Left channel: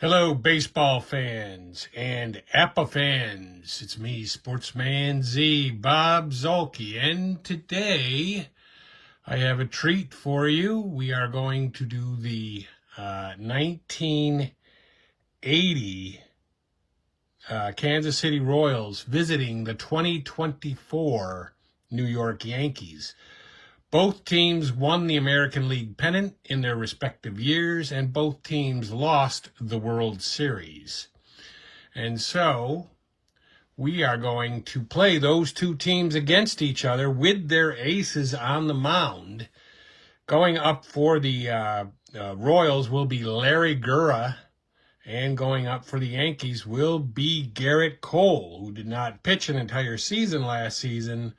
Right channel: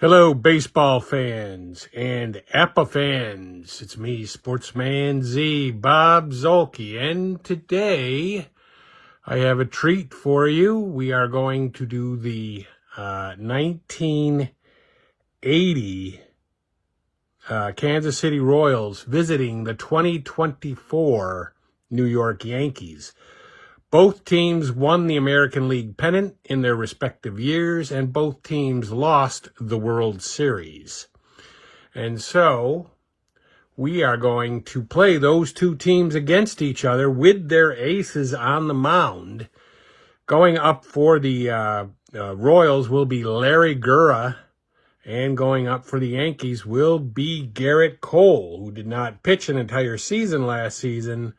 Hello, baseball fans and APBA fans. It's me, Sportsman Z, Bob Zolke, and today I have a treat for you. We are going to do the 1980 Kansas City Royals visiting the 2024 New York Yankees. Both teams won the American League pennant in their respective years, and both teams lost the World Series. And so we are going to play those two teams against each other with their aces on the mound. Going up for the Royals will be Larry Gura, and going up for the Yankees will be Garritt Cole, who did not pitch an entire season last season,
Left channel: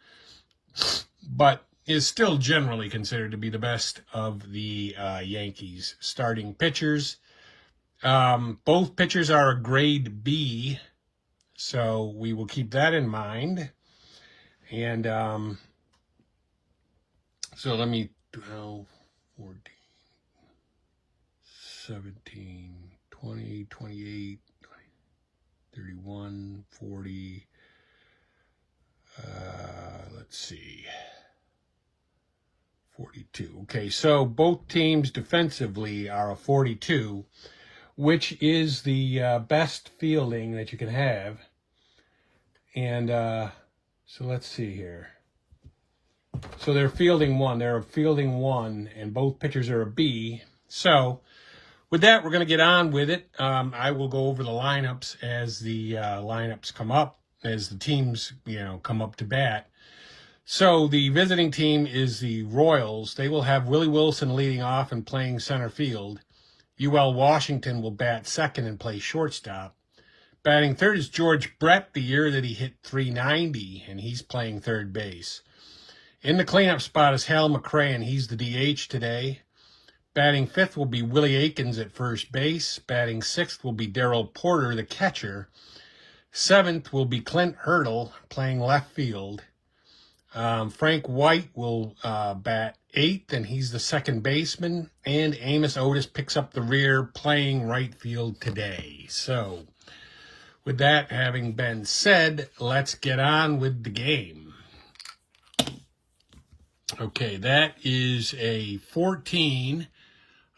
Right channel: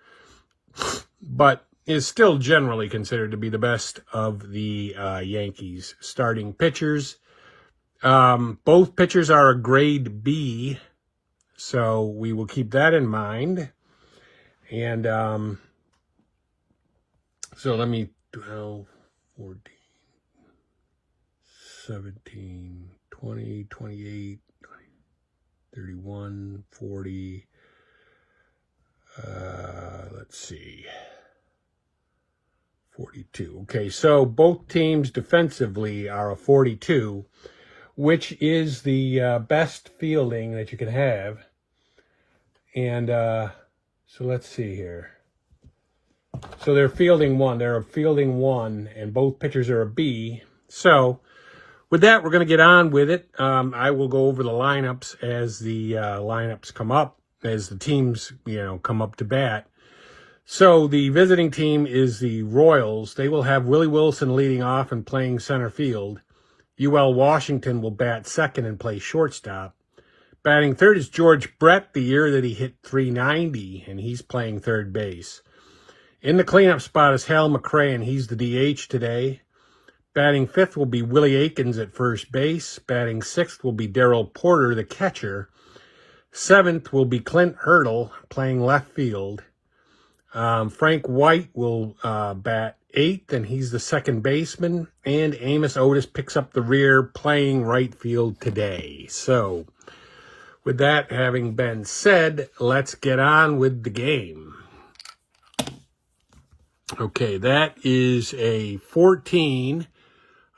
but is still generally considered to be the best of the Yankees starting pitchers. Both pitchers are a grade B, so we will keep that in mind. And so let me 12, 14, 17, 20, 28, 31, 40. Let's see. 42. Okay, so both teams defensively are a 42, which is the best fielding that you can have. And so let's see here. So they're fielding one. They're a fielding one, and both pitchers are a B. So with that, we're going to get on with it. I will go over the lineups as the lineups come up, as the teams, come up to bat. So the visiting team is the Royals. They will have Willie Wilson leading off and playing center field. UL Washington will bat second and play shortstop. Batting third is George Brett, the year that he hit .390, and he's playing third base. In the cleanup spot is Hal McRae, and he's the DH today. Batting fifth will be Willie Aikens at first base. Batting sixth will be Darrell Porter, the catcher. Seventh will be Clint Hurdle, playing left field. Frank White will bat eighth, and he's the second baseman. And Amos Otis picks up the rear, playing right field today. So, with that having been said, let's get on with the game. Okay, that is a 14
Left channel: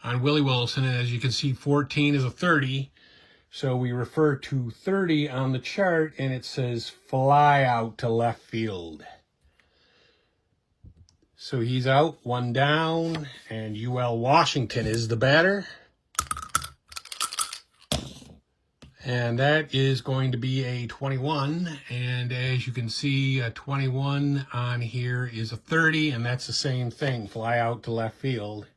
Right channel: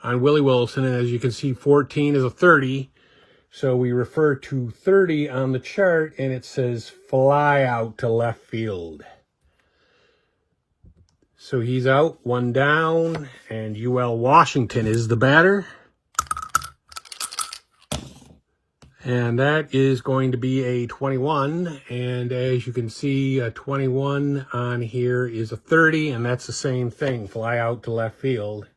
on Willie Wilson, and as you can see, 14 is a 30. So we refer to 30 on the chart, and it says fly out to left field. So he's out, one down, and UL Washington is the batter. And that is going to be a 21. And as you can see, a 21 on here is a 30, and that's the same thing, fly out to left field.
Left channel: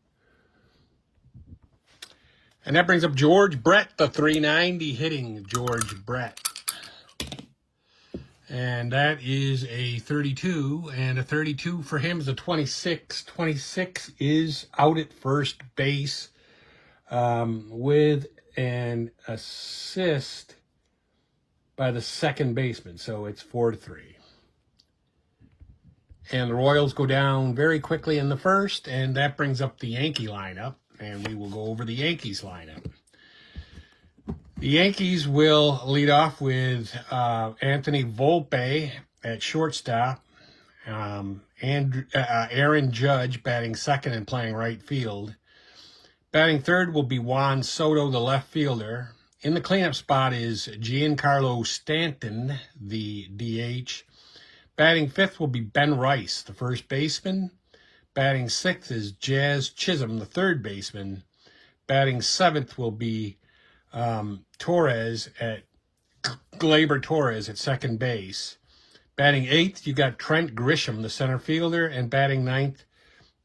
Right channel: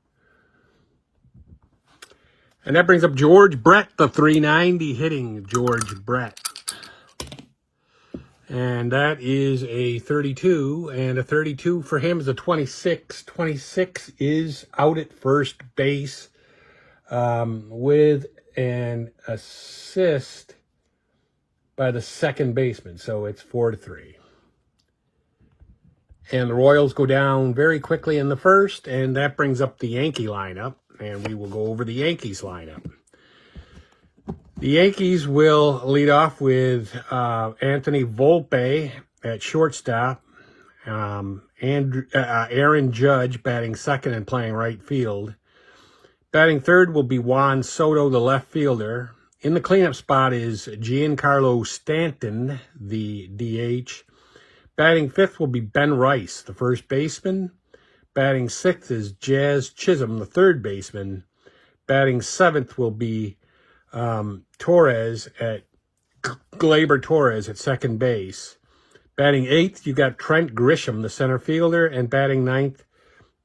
And that brings up George Brett, the .390 hitting George Brett. And that is a 32, and a 32 for him is a 26. 26 is out at first base with an assist by the second baseman, so it's 4-3. And the Royals go down very quickly in the first, and that brings up the Yankee lineup, and we will go over the Yankees lineup. The Yankees will lead off with Anthony Volpe at shortstop, and Aaron Judge batting second and playing right field. Batting third will be Juan Soto, the left fielder. In the cleanup spot is Giancarlo Stanton, the DH. Batting fifth will be Ben Rice, the first baseman. Batting sixth is Jazz Chisholm, the third baseman. Batting seventh will be Gleyber Torres at second base. Batting eighth, you got Trent Grisham, the center fielder, and batting ninth,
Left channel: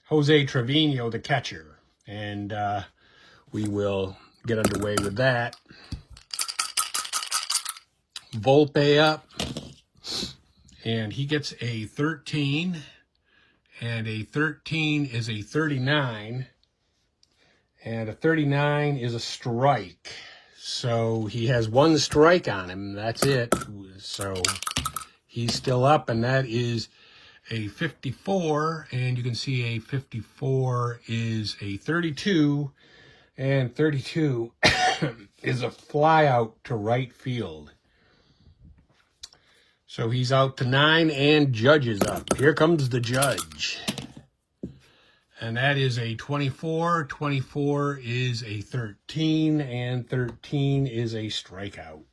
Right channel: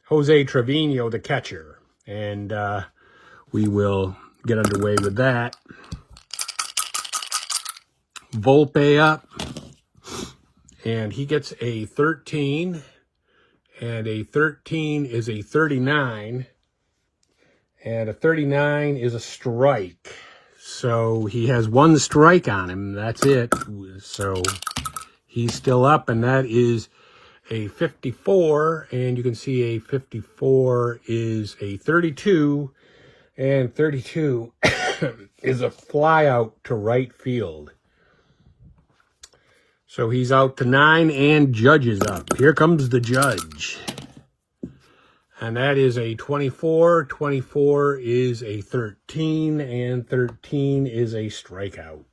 Jose Trevino, the catcher. And we will get underway with that. Volpe up, and he gets a 13, and a 13 is a 39, and a 39 is a strike. So he has one strike on him. That's it. So he's still up, and that is a 54. And you can see a 54 is a 32. And 32 is a fly out to right field. So he's out to 9 and Judge is up. Here comes the Judge. And that is a 24. 24 is a 13, and 13 is a strikeout.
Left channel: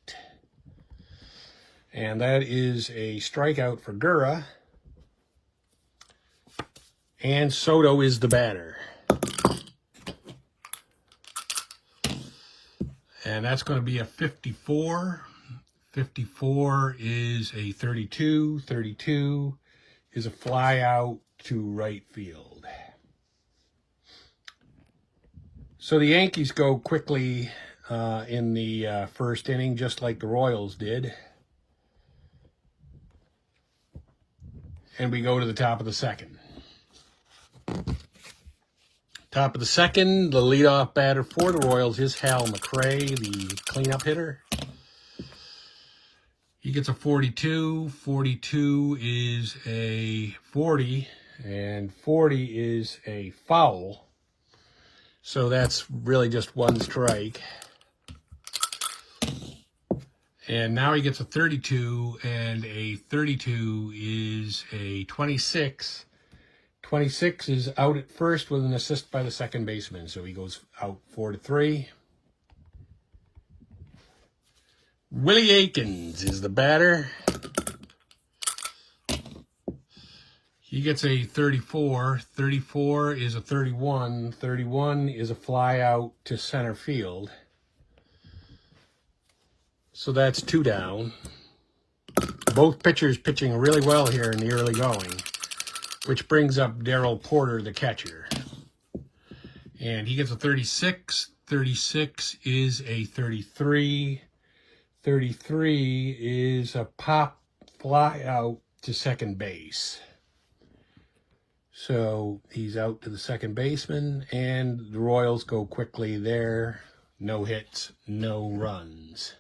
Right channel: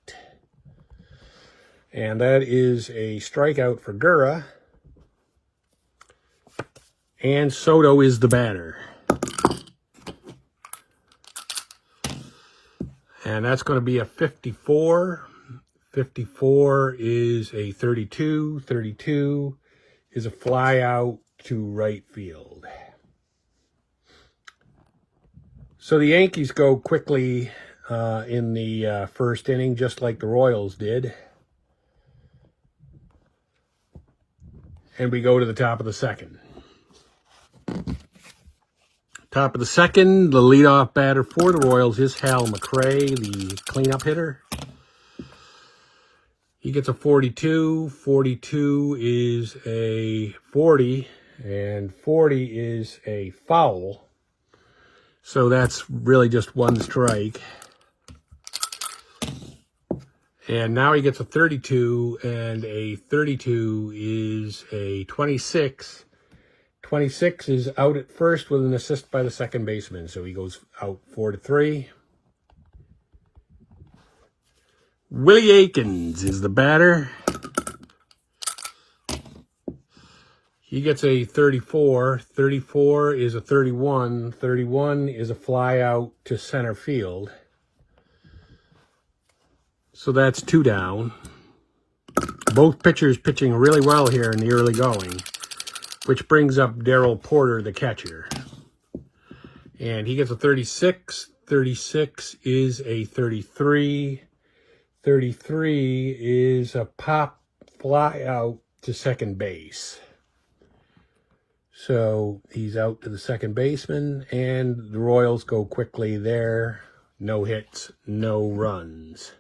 And that is a strikeout for Gura. And Soto is the batter. And that's going to be a 54. 54 is a 32. 32 is a fly out to right field. So the Yankees go quickly in the first inning, just like the Royals did. And we go to the top of the second. Top of the second, the leadoff batter for the Royals is Hal McRae, the cleanup hitter. He gets a 42. 42 is a 40, and 40 is a foul. So that's really just one strike. And now he gets a 32, and a 32 is a 26. 26 is out at first with an assist by the second baseman, so he goes out 4-3. Willie Aikens is the batter. He gets a 34. 34 is a 31. 31 is a fly out to center field. So that's 2 down. Both pitchers pitching really well here in the early going, which brings up Darryl Porter, the catcher. And he gets a 36. 36 is a 33. 33 is a pop fly out to second base. So he's out to the second baseman, and the Royals go quickly there. No hits, no runs.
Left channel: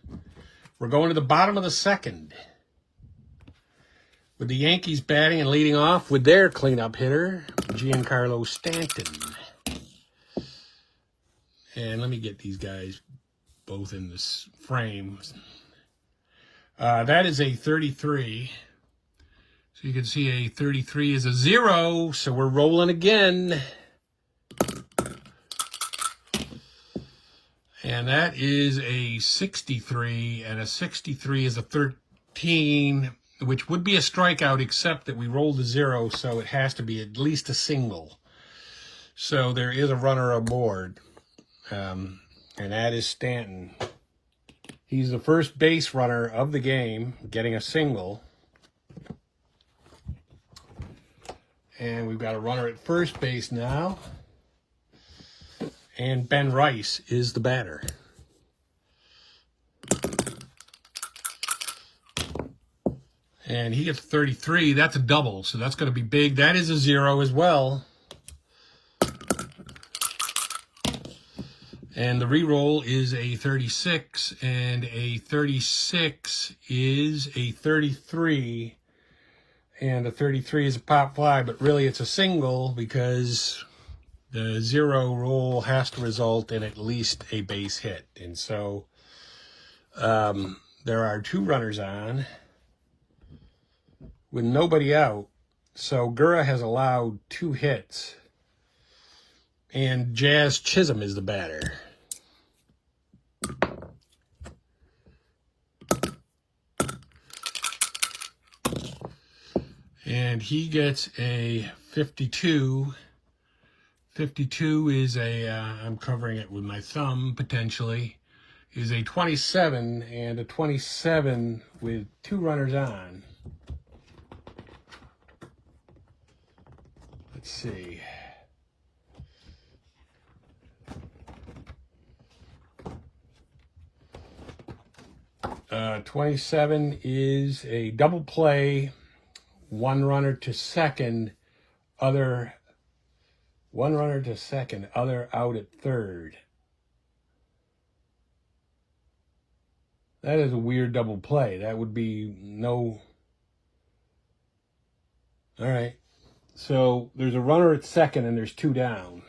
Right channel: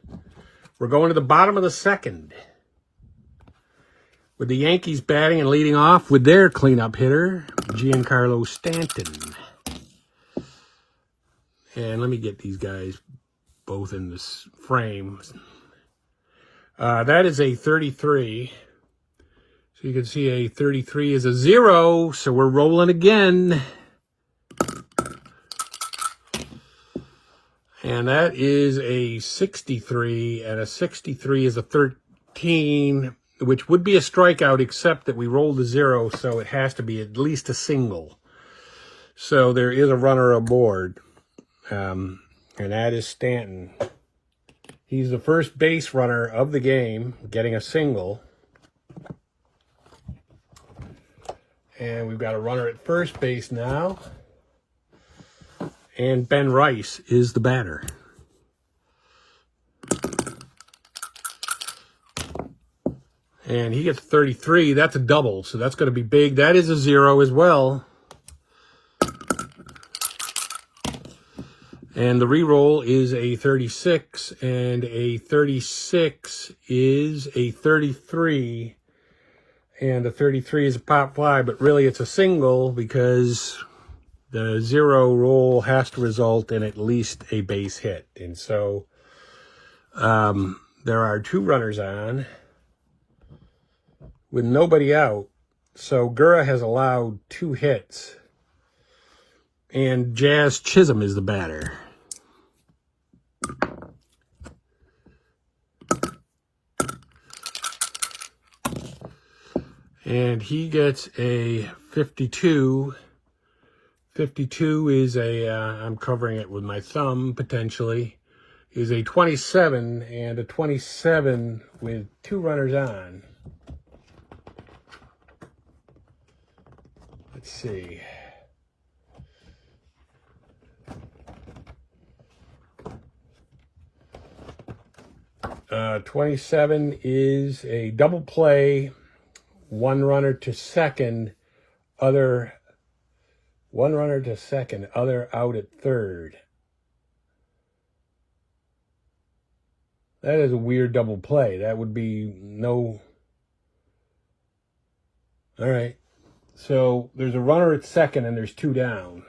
We're going to the bottom of the second, with the Yankees batting and leading off with their cleanup hitter, Giancarlo Stanton. And let me get these guys both in this frame. That is a 33. So you can see a 33 is a 0, so we're rolling again. And that is a 63, and a 63 is a 13, which would be a strikeout, except that we rolled a 0, so it has to be at least a single. So there is a runner aboard, and that is Stanton. He's the first base runner of the game, getting a single. And we've got a runner at first base now. And Ben Rice is the batter. And he gets 33. That's a double, so that's going to be big. That is a 0 as well. And the re-roll is a 36, and a 36 is a 33. And a 33 is a pop fly, but really it's a single because the 0 roll has to result in at least a base hit. And so there are 2 runners on with nobody out. So Gura has allowed 2 hits. And Jazz Chisholm is the batter. And he gets a 52. 52 is a, I'm covering it with my thumb, potentially, is a 27, and a 27 with 2 runners on. Let's see. Uh, 27 is a double play, 1 runner to second, other 1 runner to second, other out at third. That is a weird double play. That would be no... All right. So there's a runner at second and there's 2 down.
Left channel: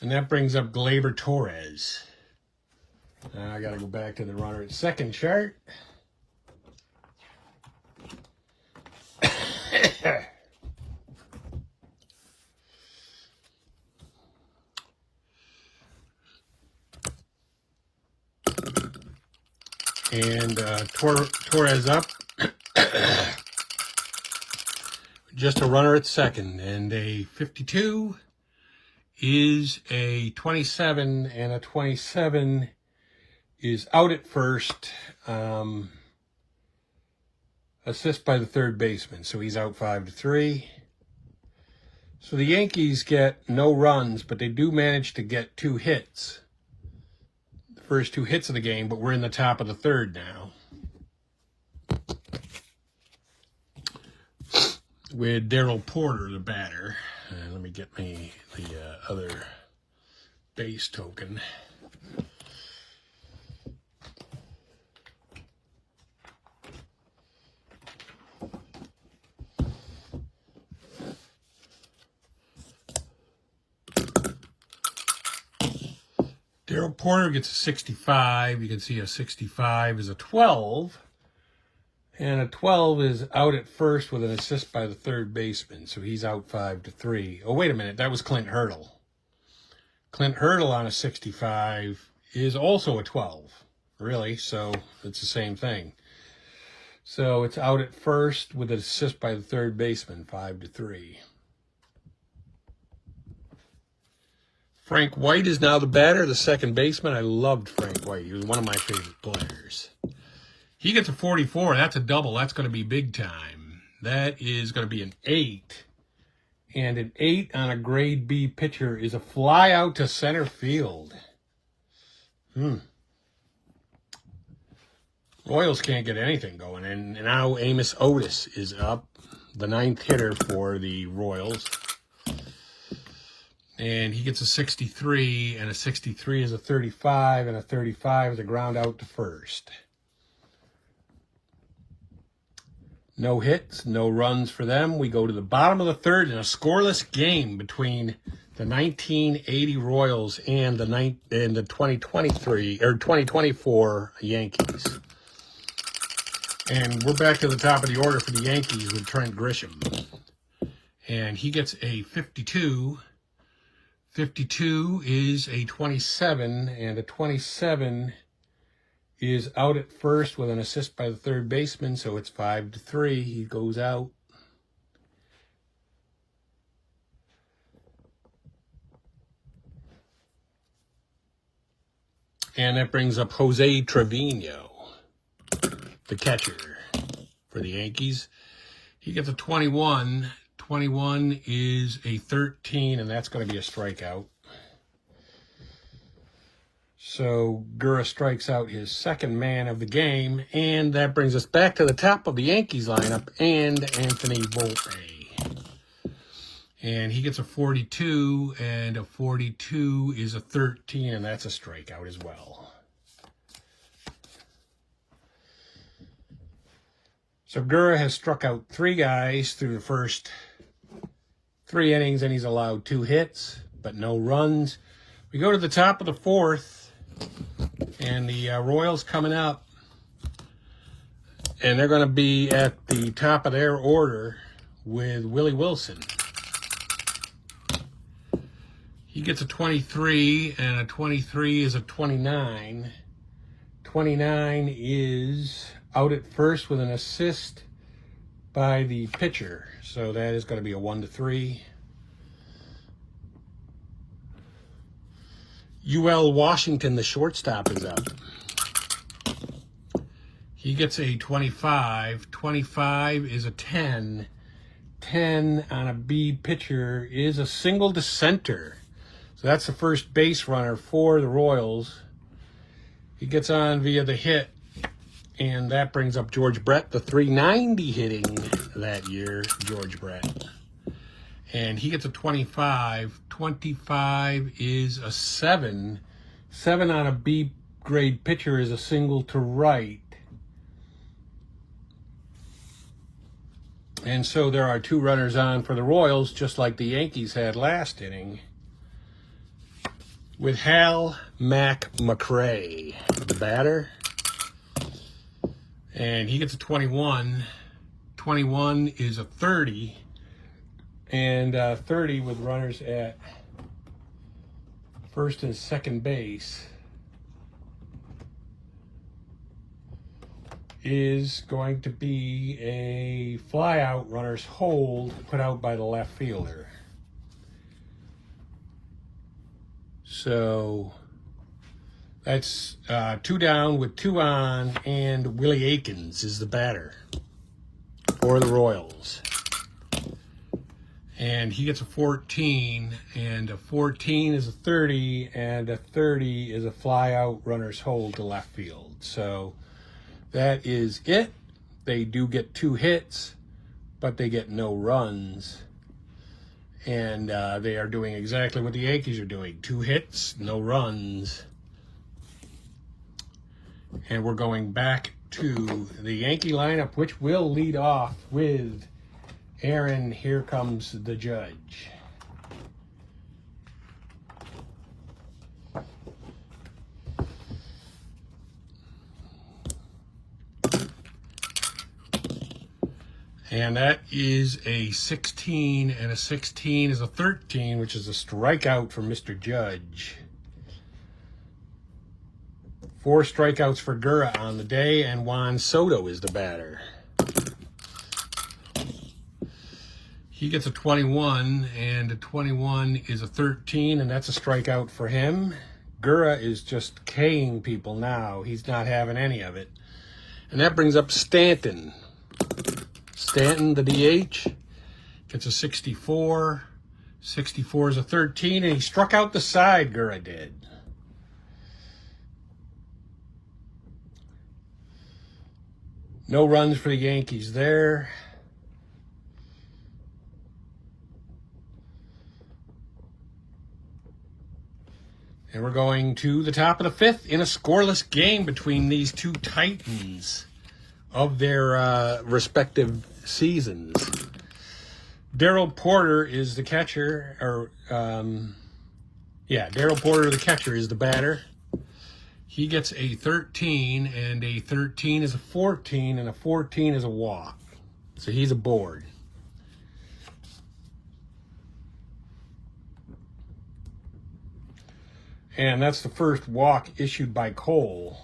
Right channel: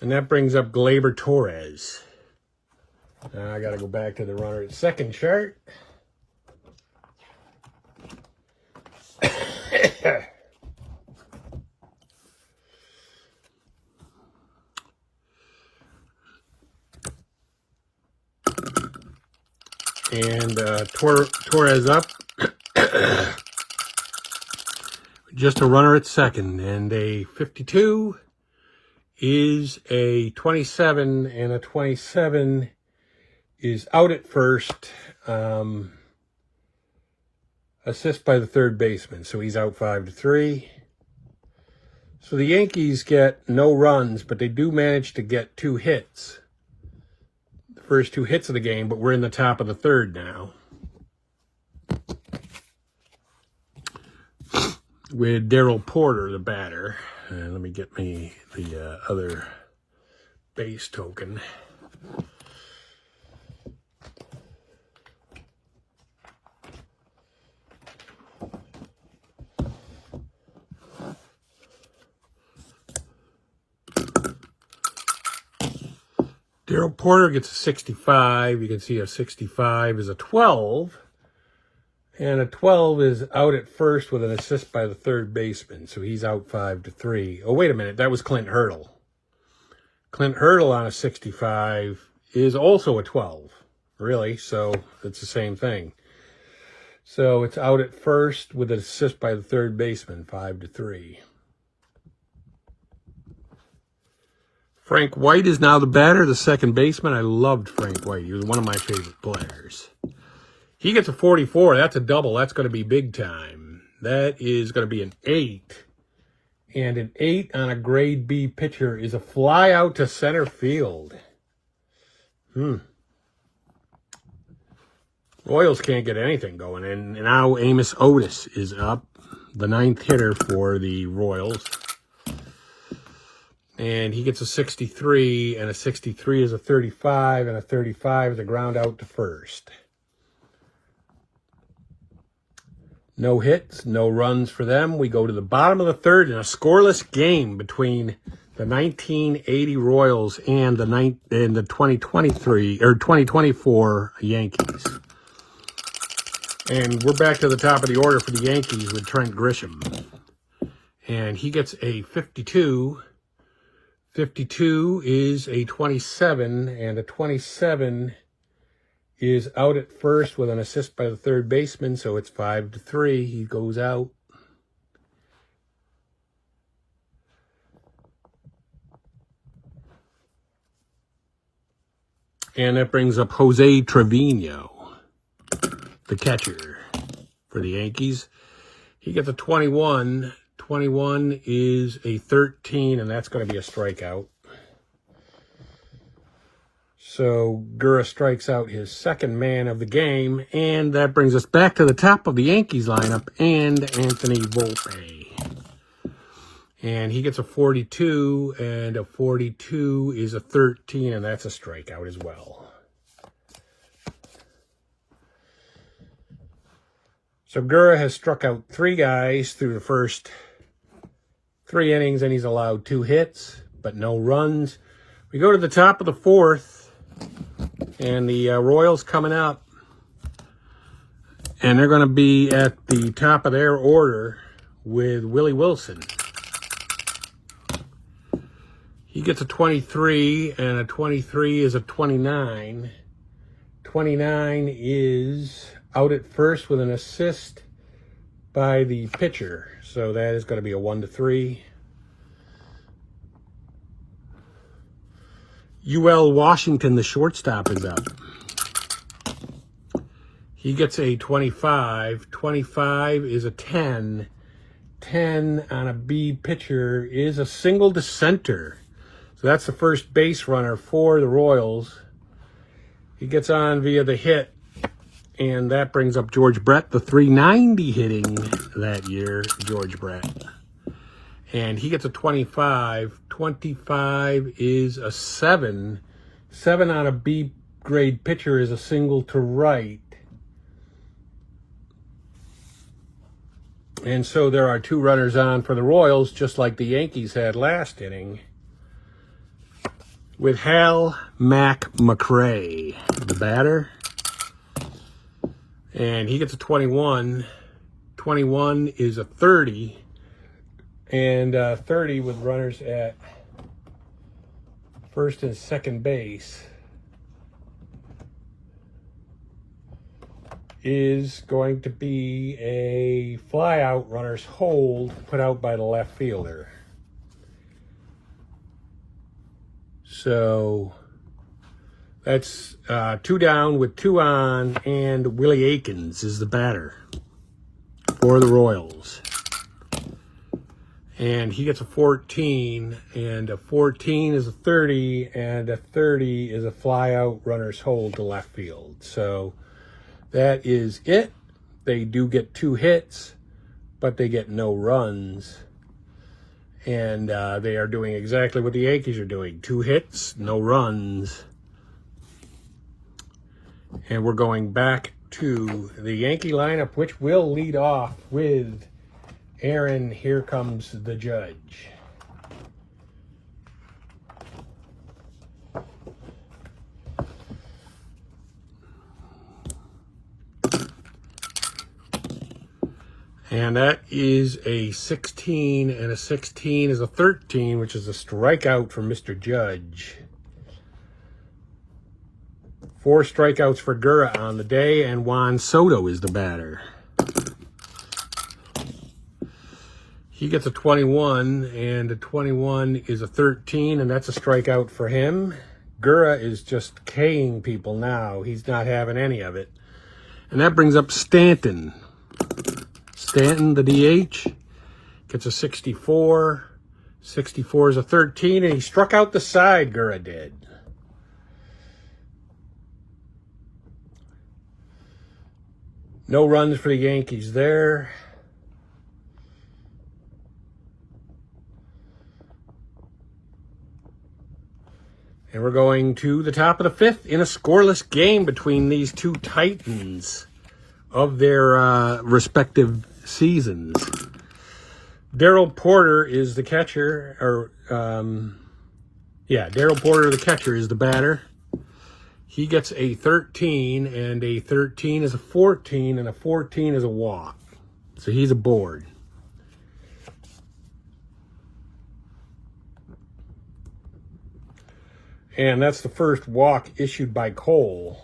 And that brings up Gleyber Torres. Now I got to go back to the runner at second chart. And Torres up. Just a runner at second. And a 52 is a 27, and a 27 is out at first. Assist by the third baseman, so he's out 5-3. So the Yankees get no runs, but they do manage to get 2 hits. The first 2 hits of the game, but we're in the top of the third now. With Darryl Porter, the batter. Let me get me the other base token. Darryl Porter gets a 65. You can see a 65 is a 12. And a 12 is out at first with an assist by the third baseman. So he's out 5-3. Oh, wait a minute. That was Clint Hurdle. Clint Hurdle on a 65 is also a 12. Really? So it's the same thing. So it's out at first with an assist by the third baseman, 5-3. Frank White is now the batter, the second baseman. I loved Frank White. He was one of my favorite players. He gets a 44. That's a double. That's going to be big time. That is going to be an 8. And an 8 on a grade B pitcher is a fly out to center field. Royals can't get anything going. And now Amos Otis is up, the 9th hitter for the Royals. And he gets a 63, and a 63 is a 35, and a 35 is a ground out to first. No hits, no runs for them. We go to the bottom of the third in a scoreless game between the 1980 Royals and the 2023 or 2024 Yankees. And we're back to the top of the order for the Yankees with Trent Grisham. And he gets a 52. 52 is a 27, and a 27 is out at first with an assist by the third baseman, so it's 5-3. He goes out. And that brings up Jose Trevino, the catcher for the Yankees. He gets a 21. 21 is a 13, and that's going to be a strikeout. So Gura strikes out his second man of the game, and that brings us back to the top of the Yankees lineup and Anthony Volpe. And he gets a 42, and a 42 is a 13, and that's a strikeout as well. So Gura has struck out 3 guys through the first 3 innings, and he's allowed 2 hits, but no runs. We go to the top of the 4th, and the Royals coming up, and they're going to be at the top of their order with Willie Wilson. He gets a 23, and a 23 is a 29. 29 is out at first with an assist by the pitcher. So that is going to be a 1-3. UL Washington, the shortstop, is up. He gets a 25. 25 is a 10. 10 on a B pitcher is a single to center. So that's the first base runner for the Royals. He gets on via the hit. And that brings up George Brett, the 390 hitting that year, George Brett. And he gets a 25. 25 is a 7. 7 on a B grade pitcher is a single to right. And so there are 2 runners on for the Royals, just like the Yankees had last inning. with Hal Mac McRae, the batter. And he gets a 21. 21 is a 30. And 30 with runners at first and second base is going to be a fly out, runner's hold, put out by the left fielder. So that's 2 down with 2 on, and Willie Aikens is the batter for the Royals. And he gets a 14, and a 14 is a 30, and a 30 is a fly out, runner's hold to left field. So that is it. They do get 2 hits, but they get no runs. And they are doing exactly what the Yankees are doing. 2 hits, no runs. And we're going back to the Yankee lineup, which will lead off with Aaron, Here Comes the Judge. And that is a 16, and a 16 is a 13, which is a strikeout for Mr. Judge. 4 strikeouts for Gura on the day, and Juan Soto is the batter. He gets a 21, and a 21 is a 13, and that's a strikeout for him. Gura is just K-ing people now. He's not having any of it. And that brings up Stanton. Stanton, the DH, gets a 64. 64 is a 13, and he struck out the side, Gura did. No runs for the Yankees there. And we're going to the top of the 5th in a scoreless game between these two titans of their respective seasons. Darryl Porter is the catcher, Darryl Porter, the catcher, is the batter. He gets a 13, and a 13 is a 14, and a 14 is a walk. So he's aboard. And that's the first walk issued by Cole.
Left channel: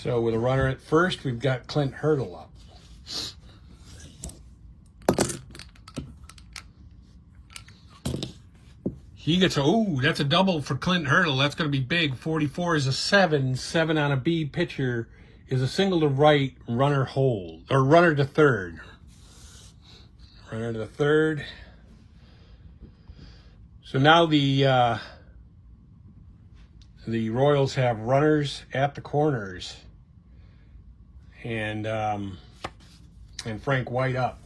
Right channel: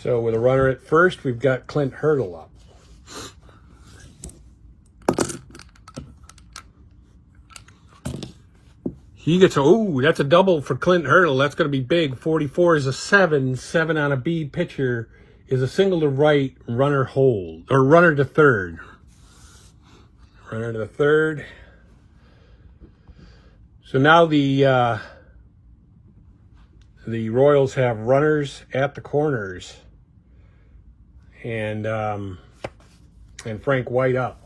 So with a runner at first, we've got Clint Hurdle up. He gets that's a double for Clint Hurdle. That's going to be big. 44 is a 7. 7 on a B pitcher is a single to right, runner hold, or runner to third. Runner to the third. So now the Royals have runners at the corners, and Frank White up.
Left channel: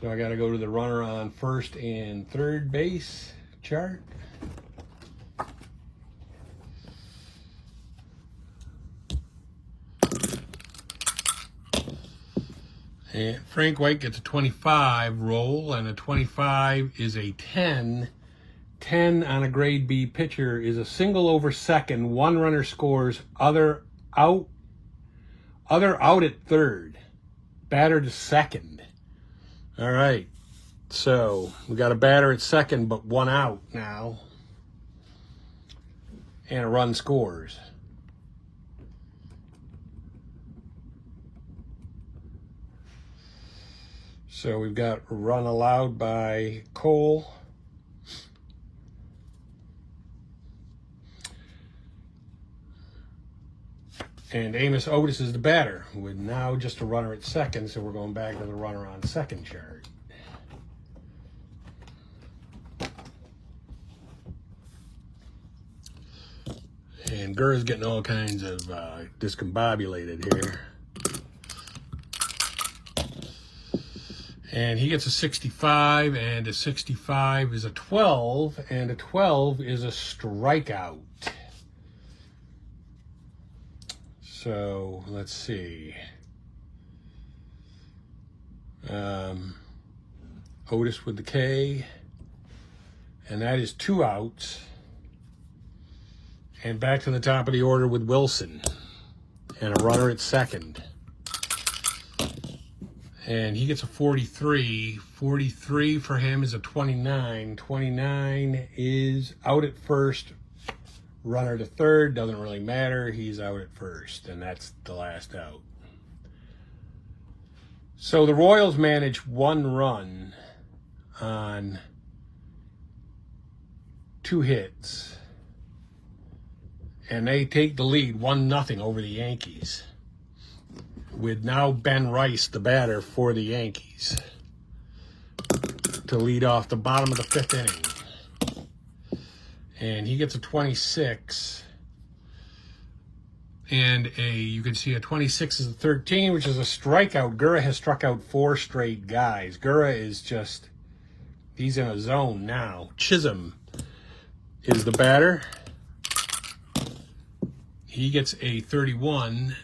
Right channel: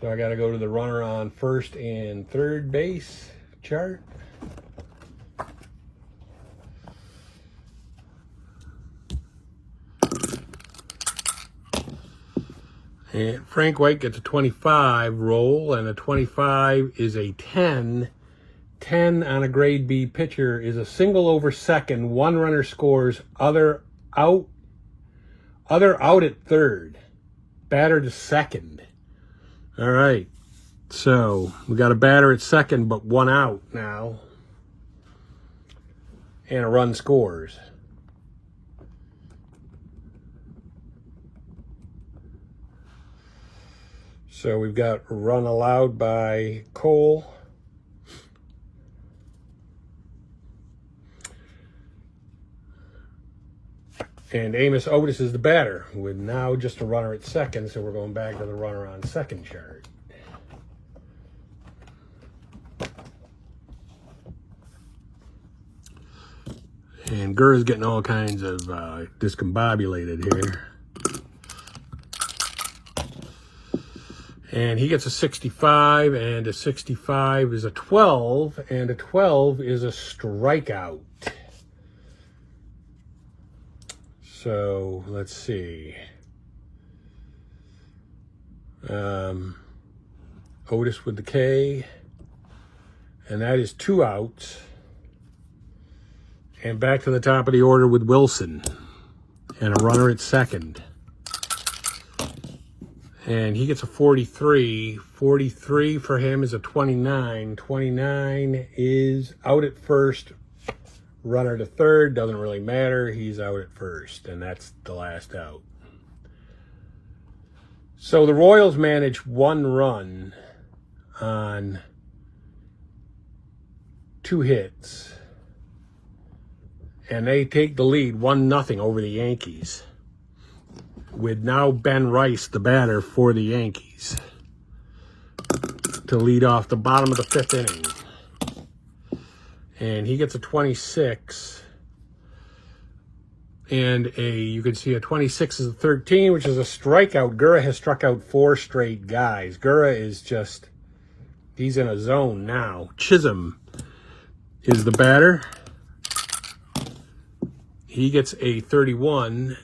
So I got to go to the runner on first and third base chart. And Frank White gets a 25 roll, and a 25 is a 10. 10 on a grade B pitcher is a single over second. One runner scores. Other out at third. Batter to second. All right. So we got a batter at second, but 1 out now. And a run scores. So we've got a run allowed by Cole. And Amos Otis is the batter with now just a runner at second, so we're going back to the runner on second chart. And Gura's getting all kinds of discombobulated here. And he gets a 65, and a 65 is a 12, and a 12 is a strikeout. So let's see. Otis with the K, and that is 2 outs. And back to the top of the order with Wilson, and a runner at second. And he gets a 43. 43 for him is a 29. 29 is out at first. Runner to third, doesn't really matter. He's out at first, and that's the last out. So the Royals managed 1 run on 2 hits. And they take the lead 1-0 over the Yankees, with now Ben Rice, the batter for the Yankees, to lead off the bottom of the 5th inning. And he gets a 26. And you can see a 26 is a 13, which is a strikeout. Gura has struck out 4 straight guys. Gura is just, he's in a zone now. Chisholm is the batter. He gets a 31.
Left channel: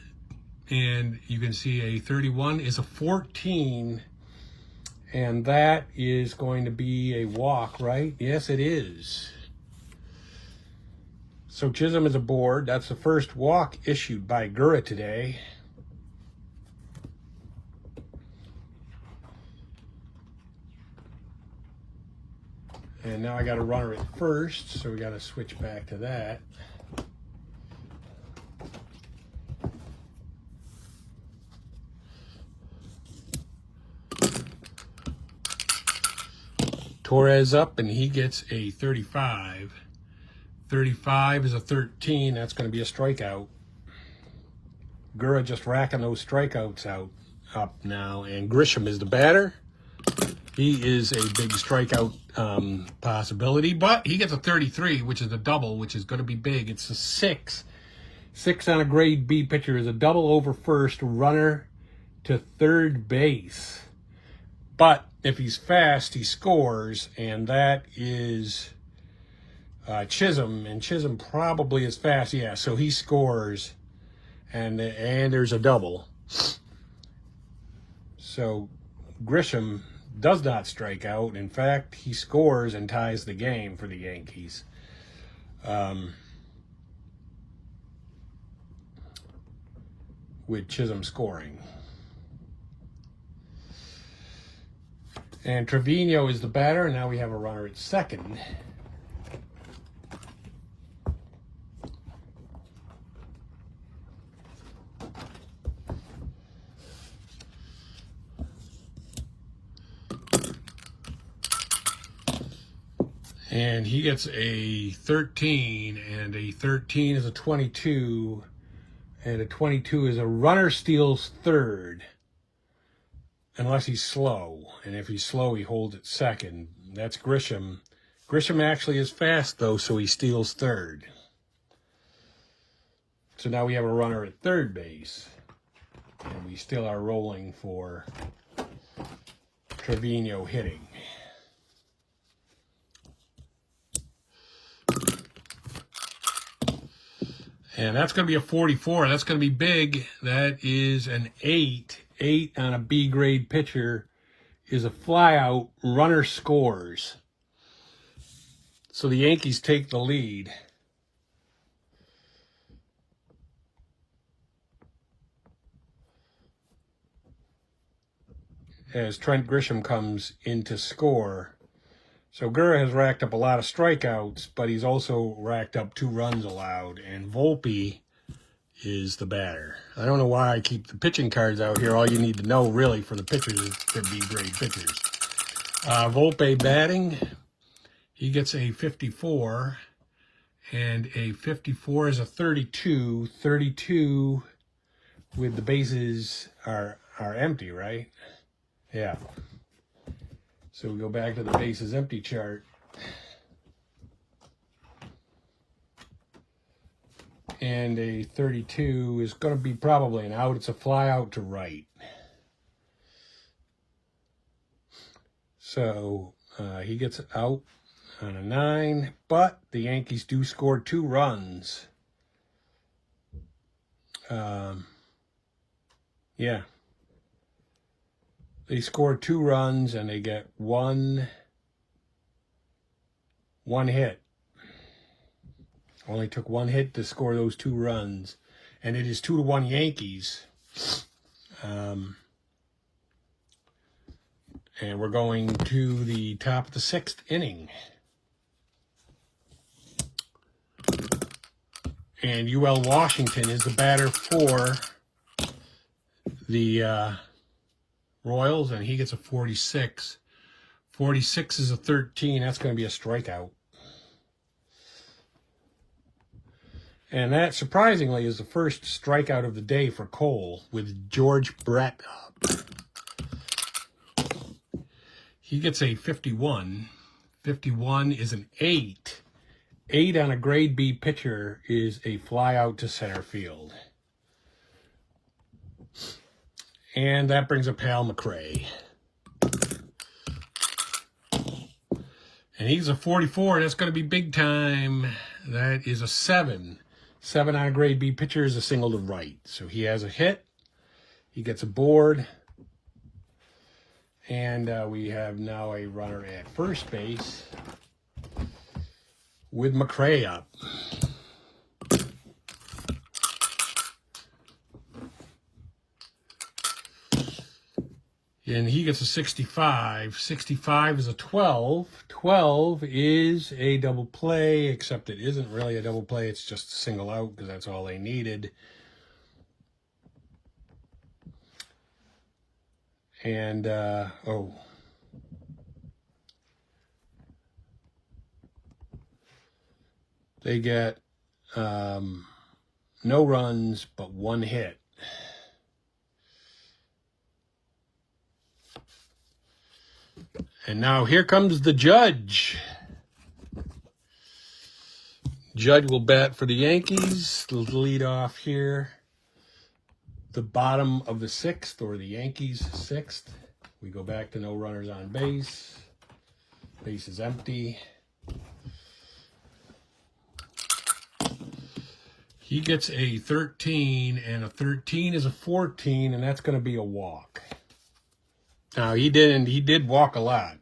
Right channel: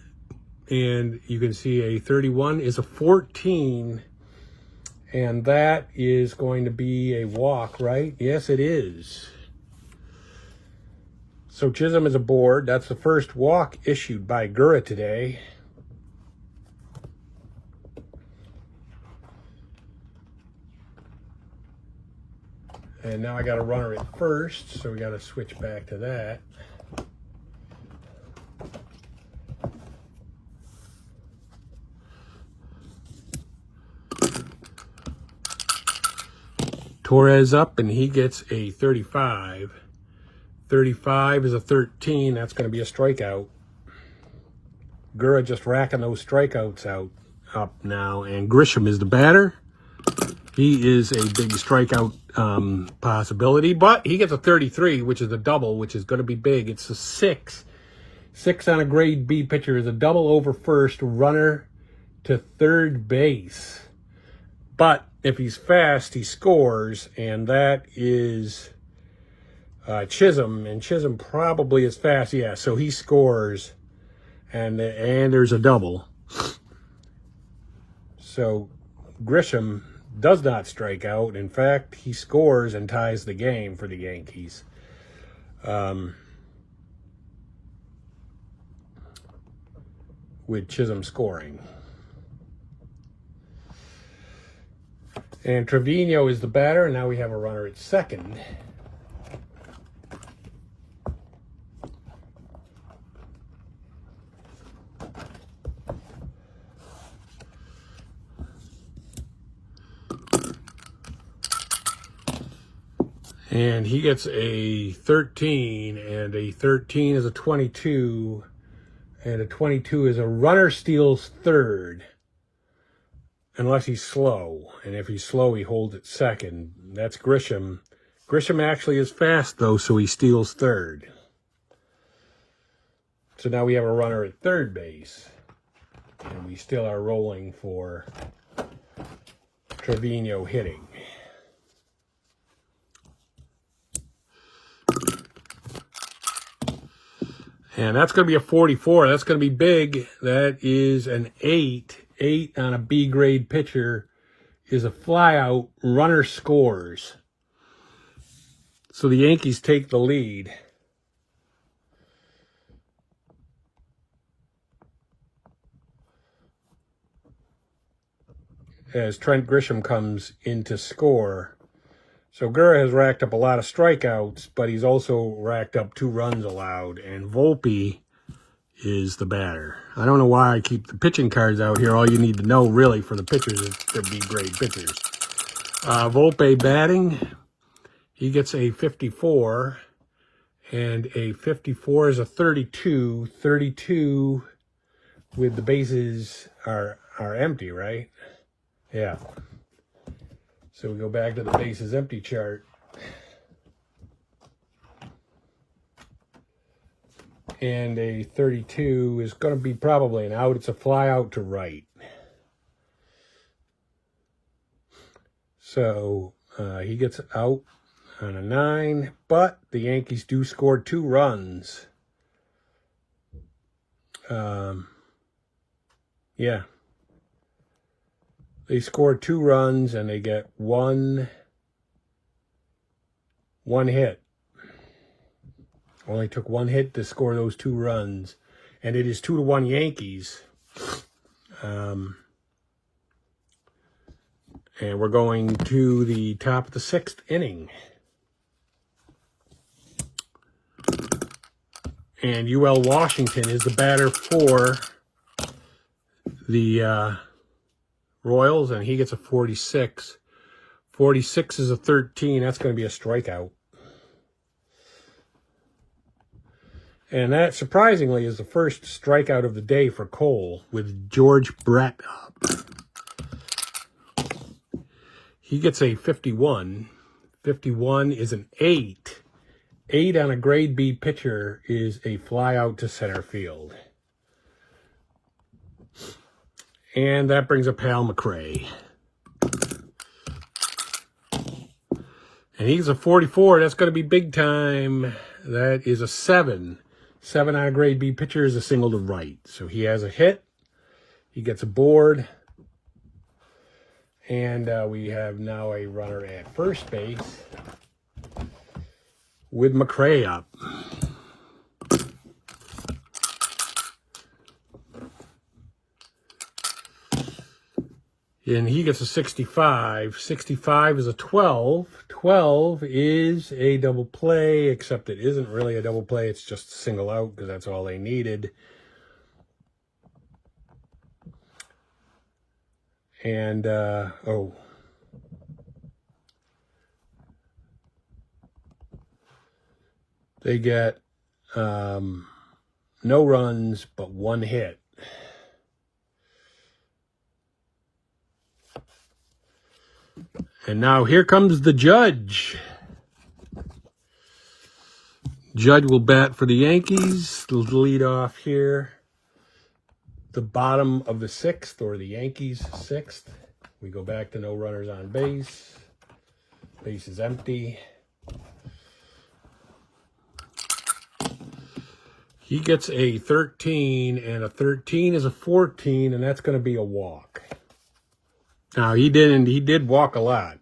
And you can see a 31 is a 14, and that is going to be a walk, right? Yes, it is. So Chisholm is aboard. That's the first walk issued by Gura today. And now I got a runner at first, so we got to switch back to that. Torres up, and he gets a 35. 35 is a 13. That's going to be a strikeout. Gura just racking those strikeouts up now. And Grisham is the batter. He is a big strikeout possibility, but he gets a 33, which is a double, which is going to be big. It's a 6. 6 on a grade B pitcher is a double over first, runner to third base. But if he's fast, he scores, and that is Chisholm, and Chisholm probably is fast. Yeah, so he scores, and there's a double. So Grisham does not strike out. In fact, he scores and ties the game for the Yankees. With Chisholm scoring. And Trevino is the batter, and now we have a runner at second. And he gets a 13, and a 13 is a 22, and a 22 is a runner steals third, unless he's slow. And if he's slow, he holds at second. That's Grisham. Grisham actually is fast, though, so he steals third. So now we have a runner at third base, and we still are rolling for Trevino hitting. And that's going to be a 44. That's going to be big. That is an 8. 8 on a B grade pitcher is a flyout. Runner scores. So the Yankees take the lead. As Trent Grisham comes in to score. So Gura has racked up a lot of strikeouts, but he's also racked up 2 runs allowed. And Volpe is the batter. I don't know why I keep the pitching cards out here. All you need to know, really, for the pitchers is to be great pitchers. Volpe batting. He gets a 54. And a 54 is a 32. 32 with the bases are empty, right? Yeah. So we go back to the bases empty chart. And a 32 is going to be probably an out. It's a fly out to right. So he gets out on a 9, but the Yankees do score 2 runs. Yeah. They score 2 runs and they get one hit. Only took 1 hit to score those 2 runs. And it is 2-1 Yankees. And we're going to the top of the 6th inning. And UL Washington is the batter for the Royals, and he gets a 46. 46 is a 13. That's going to be a strikeout. And that, surprisingly, is the first strikeout of the day for Cole with George Brett up. He gets a 51. 51 is an 8. 8 on a grade B pitcher is a fly out to center field. And that brings up Hal McRae. And he's a 44. That's going to be big time. That is a 7. 7 on a grade B pitcher is a single to right. So he has a hit. He gets a board. And we have now a runner at first base with McRae up. And he gets a 65. 65 is a 12. 12 is a double play, except it isn't really a double play. It's just a single out because that's all they needed. And, they get no runs but 1 hit. And now here comes the judge. Judge will bat for the Yankees. Lead off here. The bottom of the 6th, or the Yankees 6th. We go back to no runners on base. Base is empty. He gets a 13, and a 13 is a 14, and that's going to be a walk. Now, he did walk a lot.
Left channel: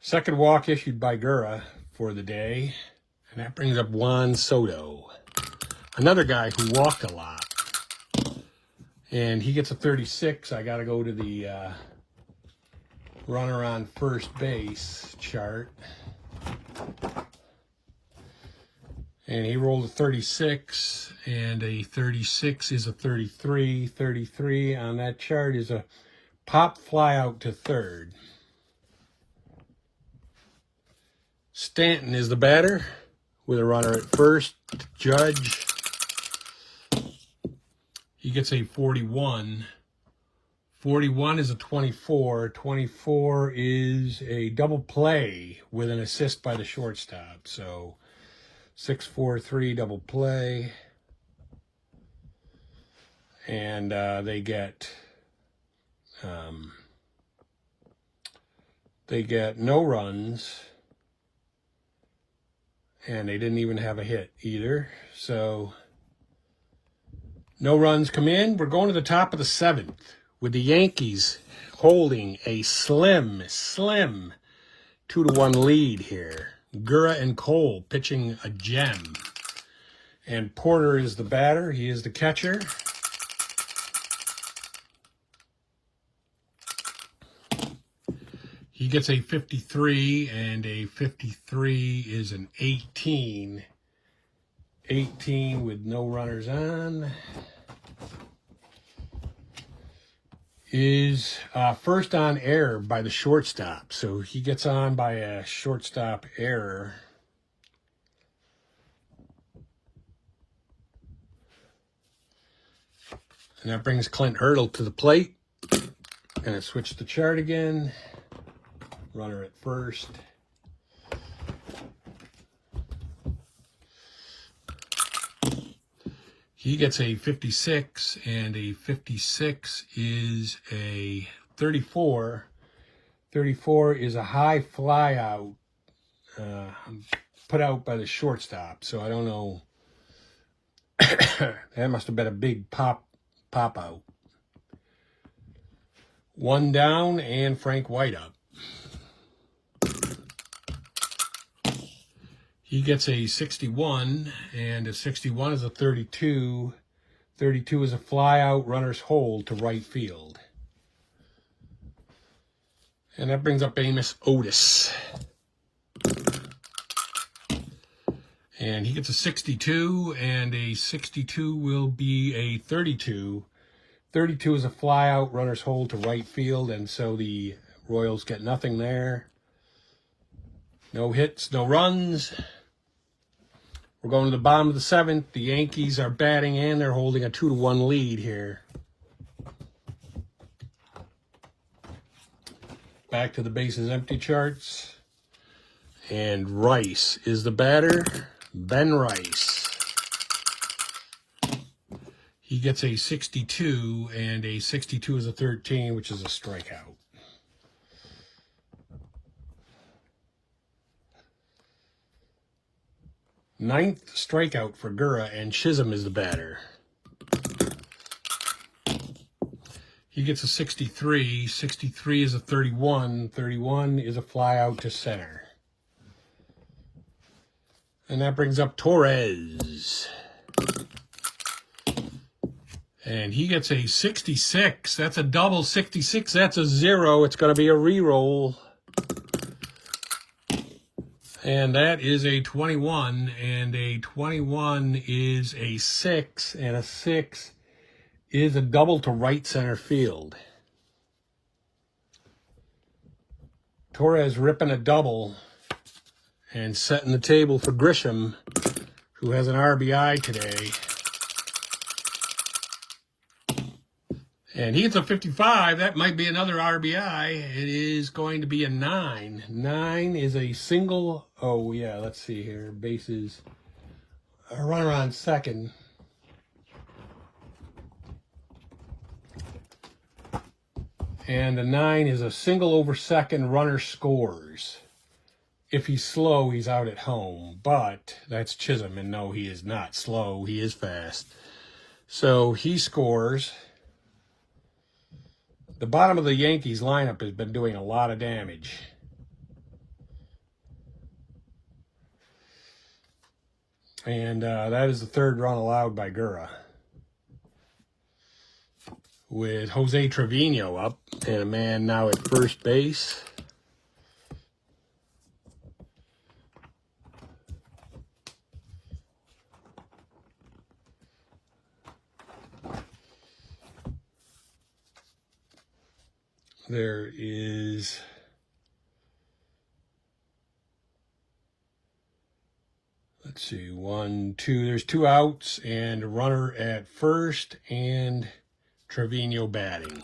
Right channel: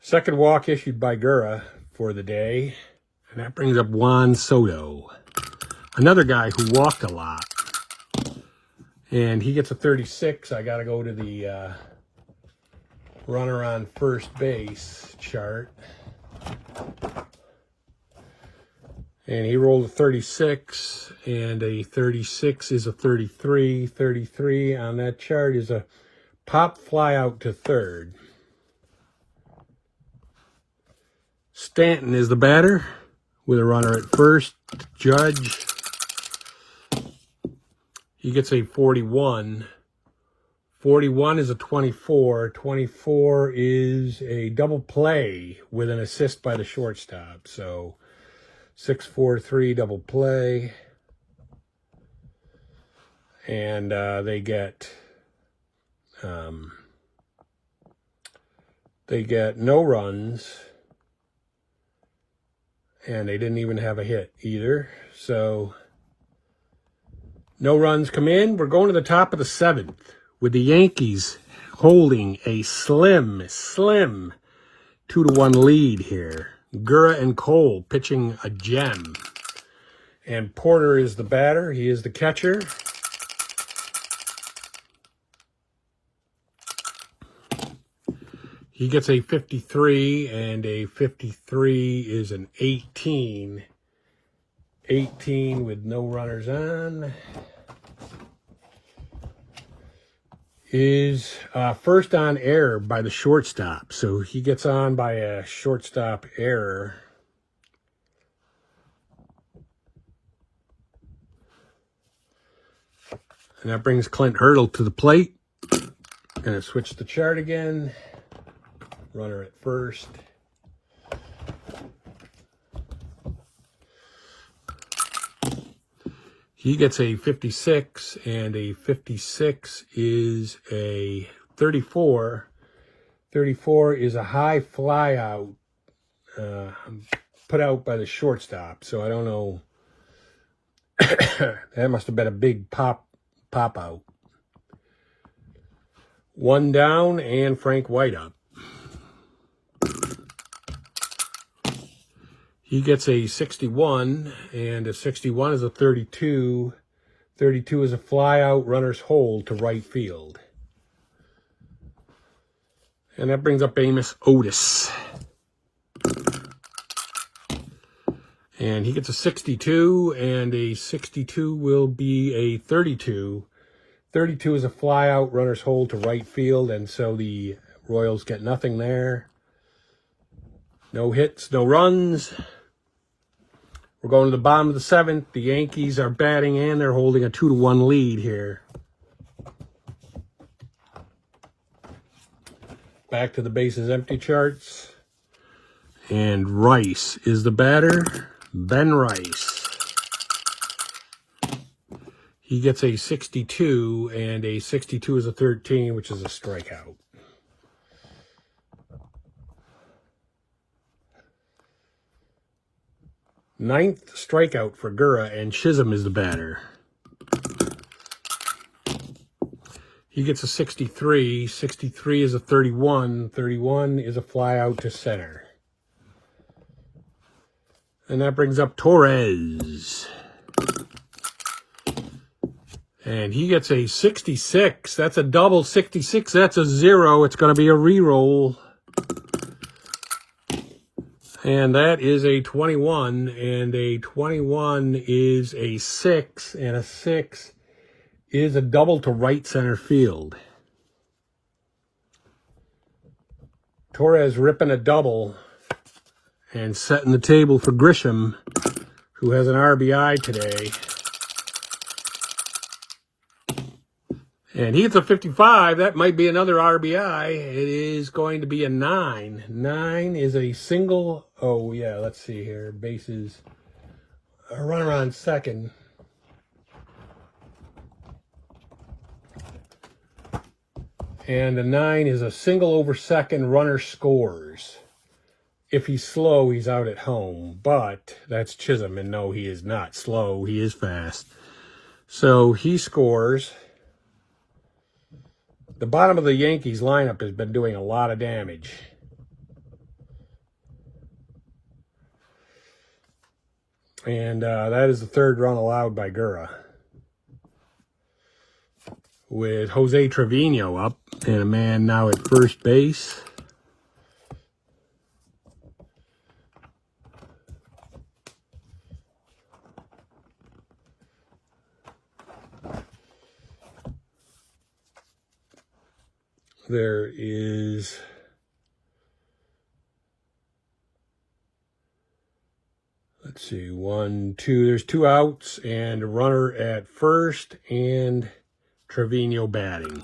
Second walk issued by Gura for the day. And that brings up Juan Soto, another guy who walked a lot. And he gets a 36. I got to go to the runner on first base chart. And he rolled a 36, and a 36 is a 33. 33 on that chart is a pop fly out to third. Stanton is the batter with a runner at first. Judge, he gets a 41. 41 is a 24. 24 is a double play with an assist by the shortstop. So 6-4-3 double play. And they get no runs. And they didn't even have a hit either. So no runs come in. We're going to the top of the 7th with the Yankees holding a slim 2-1 lead here. Gura and Cole pitching a gem. And Porter is the batter. He is the catcher. He gets a 53, and a 53 is an 18. 18 with no runners on. Is first on error by the shortstop. So he gets on by a shortstop error. And that brings Clint Hurdle to the plate. Gonna switch the chart again. Runner at first. He gets a 56, and a 56 is a 34. 34 is a high fly out, put out by the shortstop. So I don't know That must have been a big pop out. One down and Frank White up. He gets a 61, and a 61 is a 32. 32 is a fly out, runner's hold to right field. And that brings up Amos Otis. And he gets a 62, and a 62 will be a 32. 32 is a fly out, runner's hold to right field, and so the Royals get nothing there. No hits, no runs. We're going to the bottom of the 7th. The Yankees are batting, and they're holding a 2-1 lead here. Back to the bases empty charts. And Rice is the batter. Ben Rice. He gets a 62, and a 62 is a 13, which is a strikeout. Ninth strikeout for Gura, and Chisholm is the batter. He gets a 63. 63 is a 31. 31 is a fly out to center. And that brings up Torres. And he gets a 66. That's a double 66. That's a 0. It's going to be a re-roll. And that is a 21, and a 21 is a 6, and a 6 is a double to right center field. Torres ripping a double and setting the table for Grisham, who has an RBI today. And he gets a 55. That might be another RBI. It is going to be a 9. 9 is a single. Oh, yeah, let's see here. Bases. A runner on second. And a 9 is a single over second. Runner scores. If he's slow, he's out at home. But that's Chisholm. And no, he is not slow. He is fast. So he scores. The bottom of the Yankees lineup has been doing a lot of damage. And that is the third run allowed by Gura. With Jose Trevino up and a man now at first base. There is let's see, 1, 2, there's 2 outs and a runner at first and Trevino batting.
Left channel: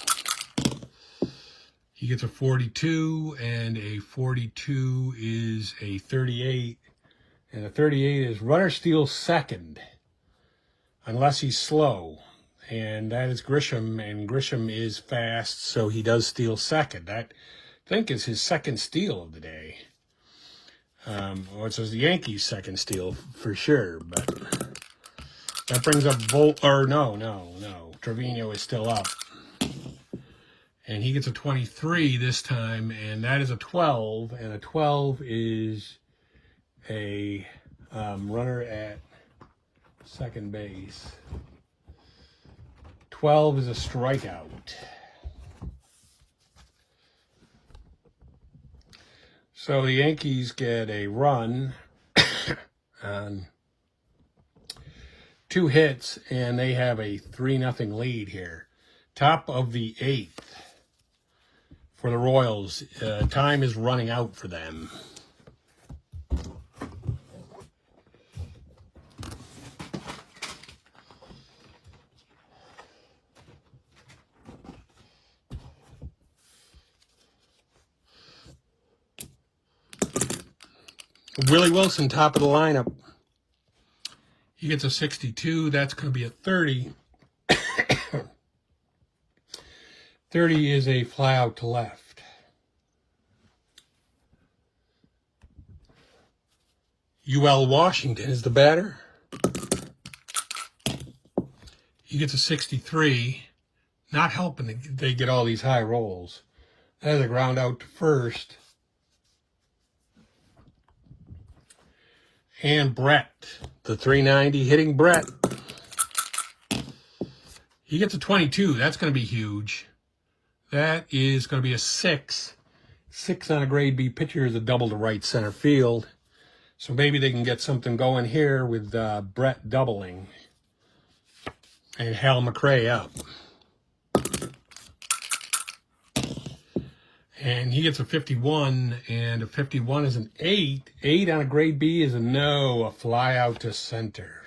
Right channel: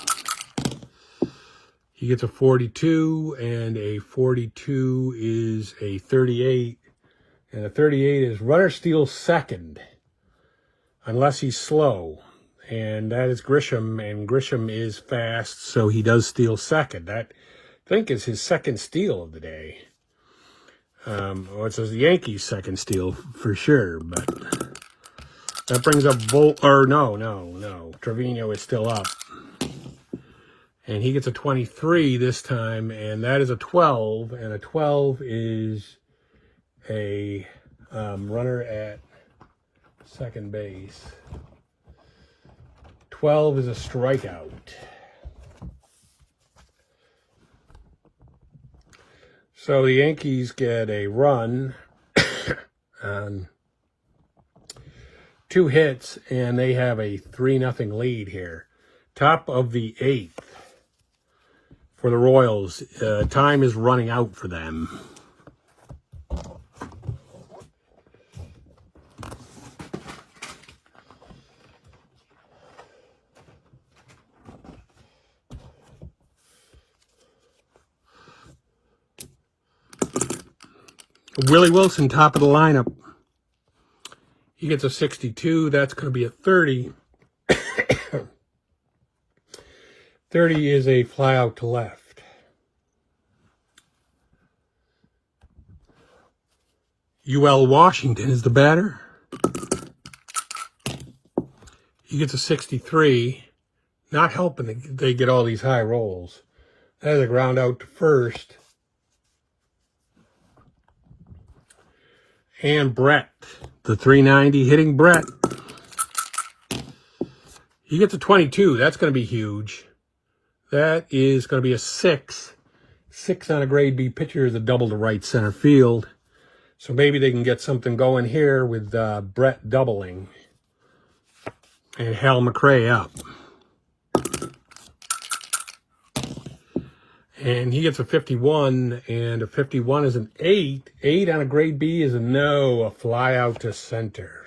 He gets a 42, and a 42 is a 38, and a 38 is runner steals second unless he's slow. And that is Grisham, and Grisham is fast, so he does steal second. That, I think, is his second steal of the day. Well, it says the Yankees' second steal for sure, but that brings up no. Trevino is still up. And he gets a 23 this time, and that is a 12, and a 12 is a runner at second base. 12 is a strikeout. So the Yankees get a run on 2 hits, and they have a 3-0 lead here. Top of the 8th for the Royals. Time is running out for them. Willie Wilson, top of the lineup. He gets a 62. That's going to be a 30. 30 is a fly out to left. UL Washington is the batter. He gets a 63. Not helping they get all these high rolls. There's a ground out to first. And Brett, the 390 hitting Brett. He gets a 22. That's going to be huge. That is going to be a 6. 6 on a grade B pitcher is a double to right center field. So maybe they can get something going here with Brett doubling. And Hal McRae up. And he gets a 51, and a 51 is an 8. 8 on a grade B is a no, a fly out to center.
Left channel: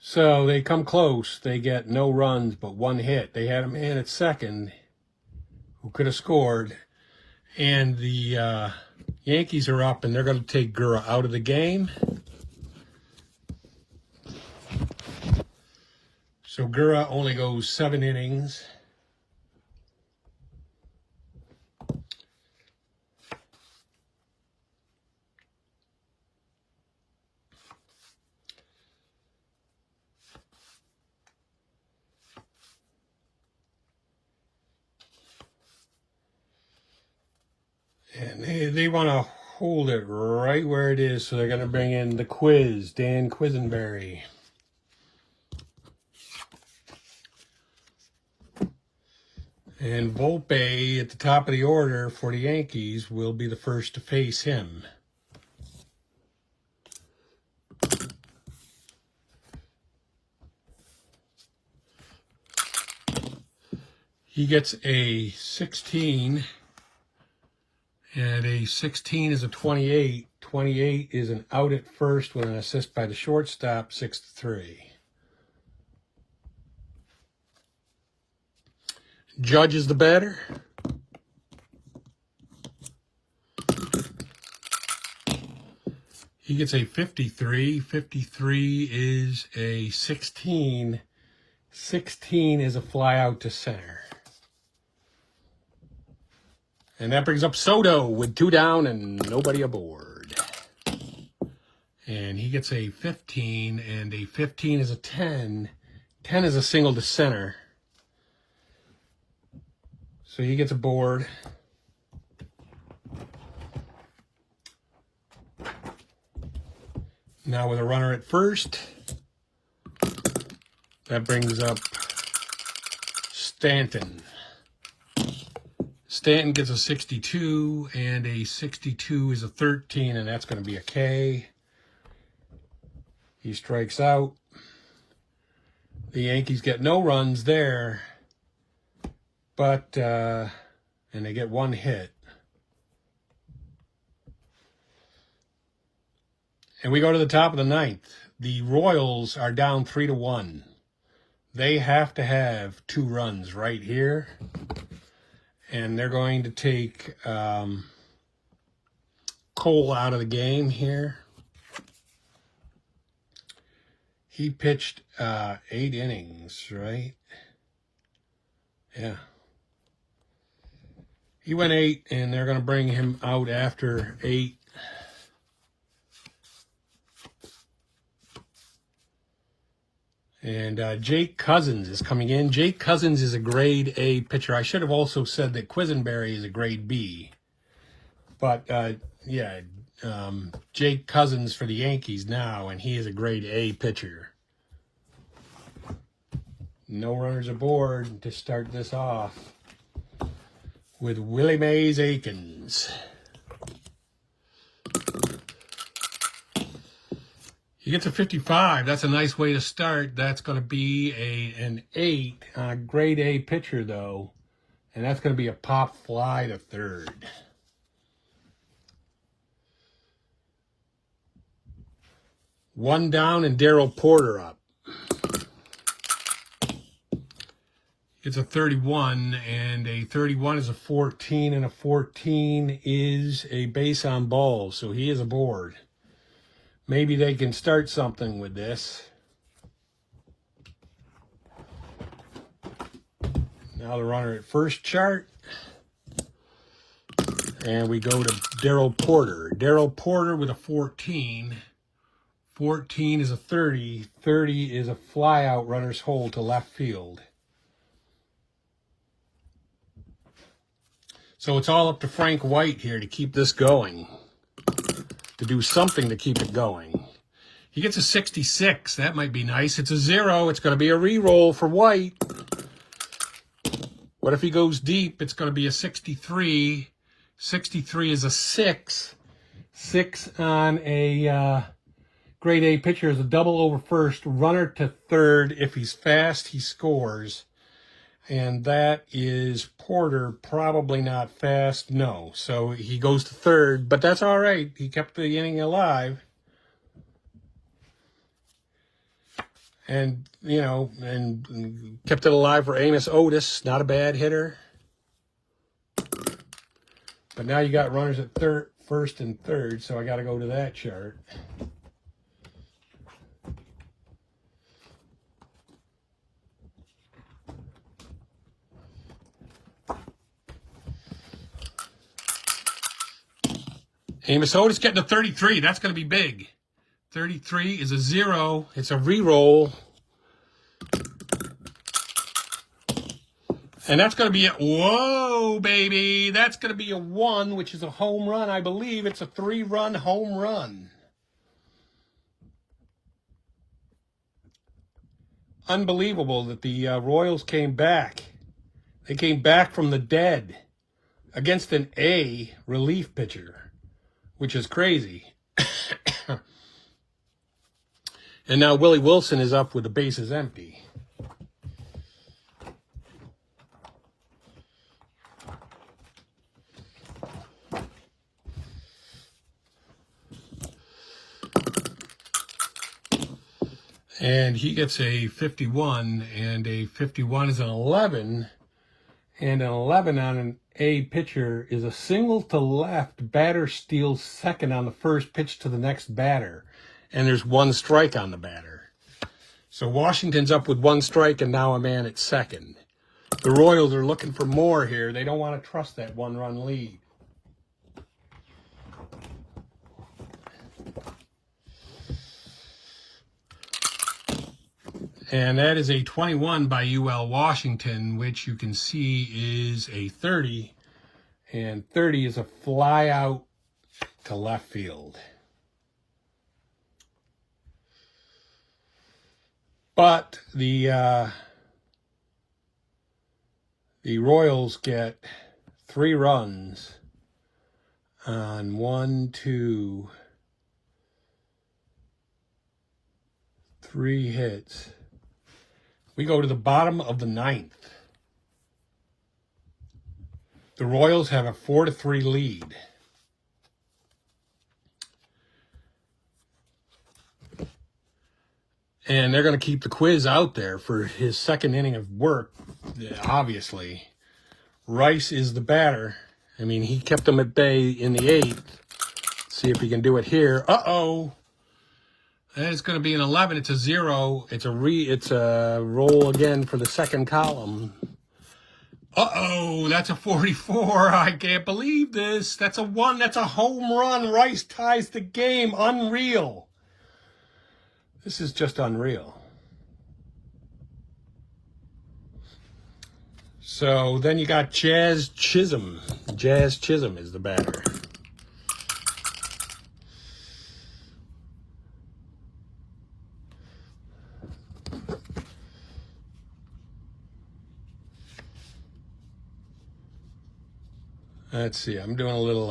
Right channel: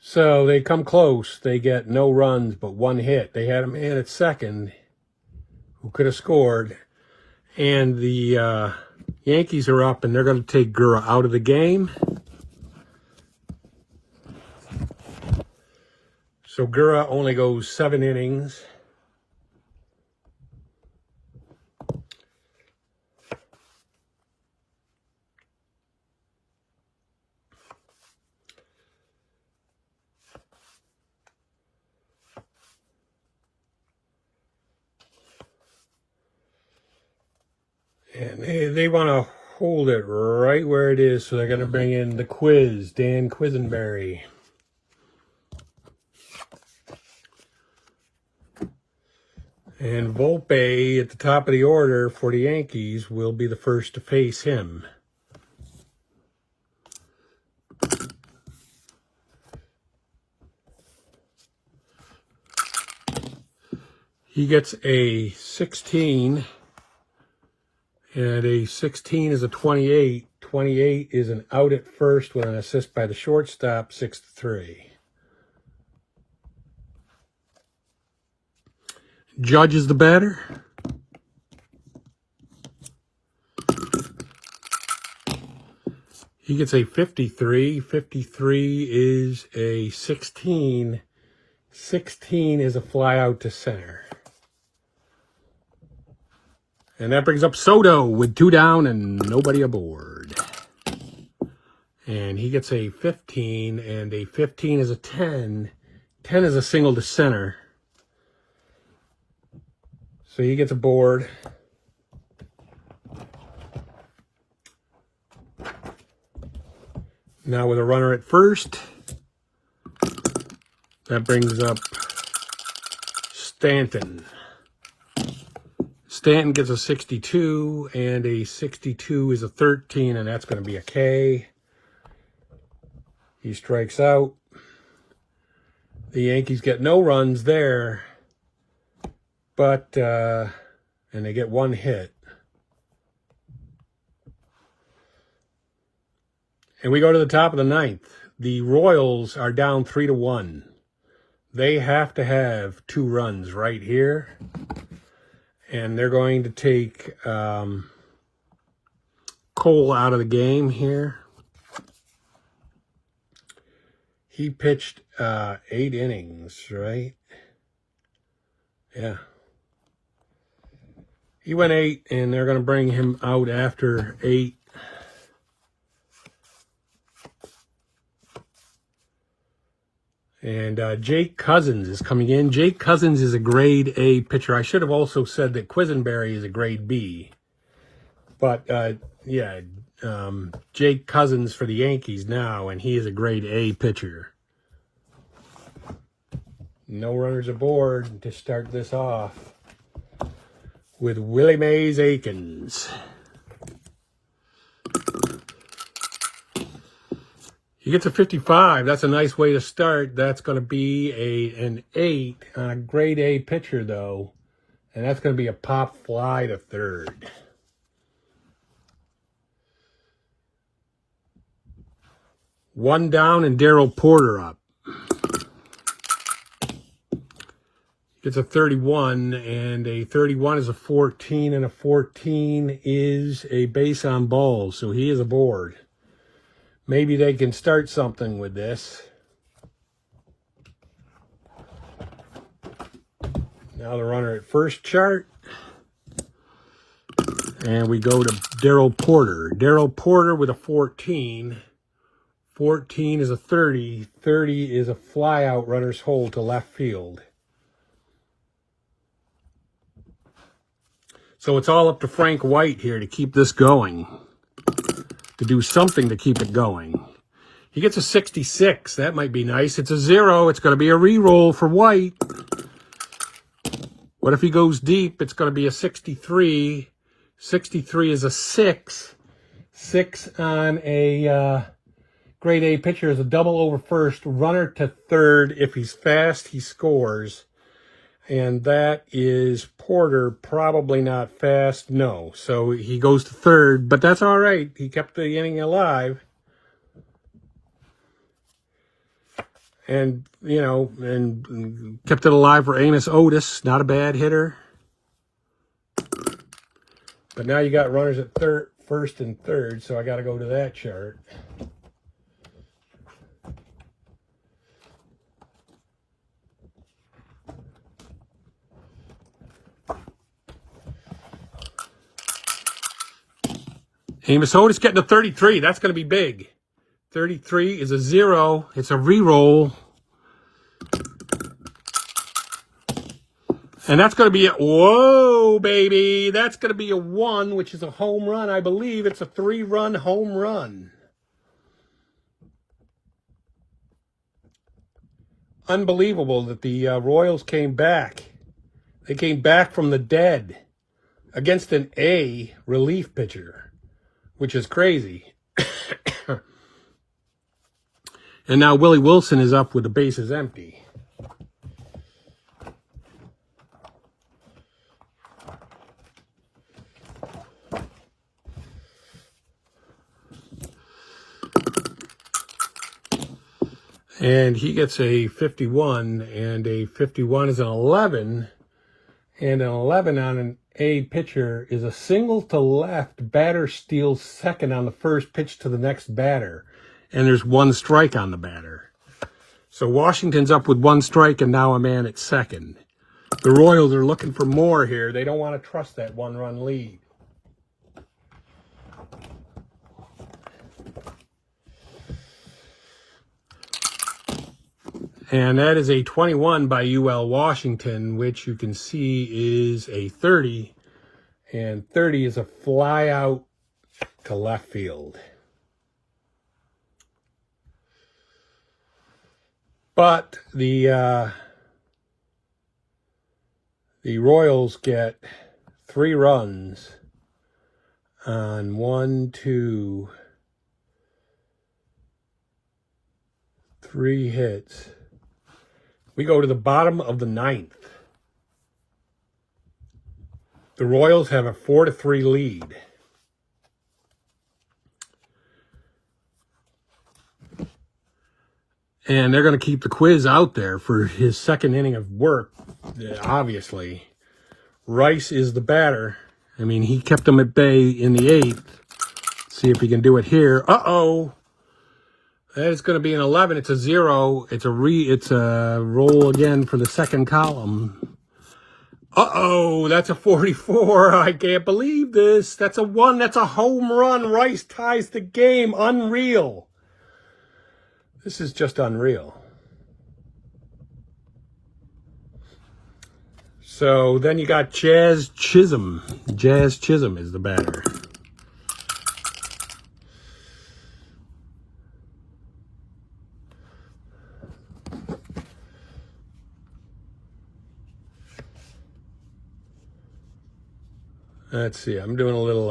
So they come close. They get no runs but 1 hit. They had a man at second who could have scored. And the Yankees are up, and they're going to take Gura out of the game. So Gura only goes 7 innings. And they want to hold it right where it is, so they're going to bring in the quiz, Dan Quisenberry. And Volpe at the top of the order for the Yankees will be the first to face him. He gets a 16. And a 16 is a 28. 28 is an out at first with an assist by the shortstop, 6-3. Judge is the batter. He gets a 53. 53 is a 16. 16 is a fly out to center. And that brings up Soto with 2 down and nobody aboard. And he gets a 15, and a 15 is a 10. 10 is a single to center. So he gets aboard. Now with a runner at first, that brings up Stanton. Stanton gets a 62, and a 62 is a 13, and that's going to be a K. He strikes out. The Yankees get no runs there, but, and they get 1 hit. And we go to the top of the 9th. The Royals are down 3-1. They have to have 2 runs right here. And they're going to take Cole out of the game here. He pitched 8 innings, right? Yeah. He went 8, and they're going to bring him out after 8. And Jake Cousins is coming in. Jake Cousins is a grade A pitcher. I should have also said that Quisenberry is a grade B. But, yeah, Jake Cousins for the Yankees now, and he is a grade A pitcher. No runners aboard to start this off with Willie Mays Aikens. He gets a 55. That's a nice way to start. That's going to be an 8 on a grade A pitcher, though. And that's going to be a pop fly to third. One down and Darryl Porter up. Gets a 31, and a 31 is a 14, and a 14 is a base on balls, so he is aboard. Maybe they can start something with this. Now the runner at first chart. And we go to Darryl Porter. Darryl Porter with a 14. 14 is a 30. 30 is a fly out runner's hole to left field. So it's all up to Frank White here to keep this going, to do something to keep it going. He gets a 66. That might be nice. It's a 0. It's going to be a re-roll for White. What if he goes deep? It's going to be a 63. 63 is a 6. 6 on a grade A pitcher is a double over first. Runner to third. If he's fast, he scores. And that is Porter, probably not fast. No. So he goes to third, but that's all right. He kept the inning alive. And, you know, and kept it alive for Amos Otis. Not a bad hitter. But now you got runners at first and third, so I got to go to that chart. Amos Otis getting a 33. That's going to be big. 33 is a 0. It's a re-roll. And that's going to be a, whoa, baby. That's going to be a 1, which is a home run. I believe it's a 3-run home run. Unbelievable that the Royals came back. They came back from the dead against an A relief pitcher, which is crazy. And now Willie Wilson is up with the bases empty. And he gets a 51, and a 51 is an 11, and an 11 on an A pitcher is a single to left. Batter steals second on the first pitch to the next batter. And there's 1 strike on the batter. So Washington's up with 1 strike and now a man at second. The Royals are looking for more here. They don't want to trust that 1-run lead. And that is a 21 by UL Washington, which you can see is a 30. And 30 is a fly out to left field. But the Royals get 3 runs on 1, 2, 3 hits. We go to the bottom of the 9th. The Royals have a 4-3 lead. And they're going to keep the quiz out there for his second inning of work, obviously. Rice is the batter. I mean, he kept them at bay in the 8th. See if he can do it here. Uh-oh. That is going to be an 11. It's a 0. It's a roll again for the second column. Uh-oh, that's a 44. I can't believe this. That's a 1. That's a home run. Rice ties the game. Unreal. This is just unreal. So then you got Jazz Chisholm. Jazz Chisholm is the batter. Let's see, I'm doing a little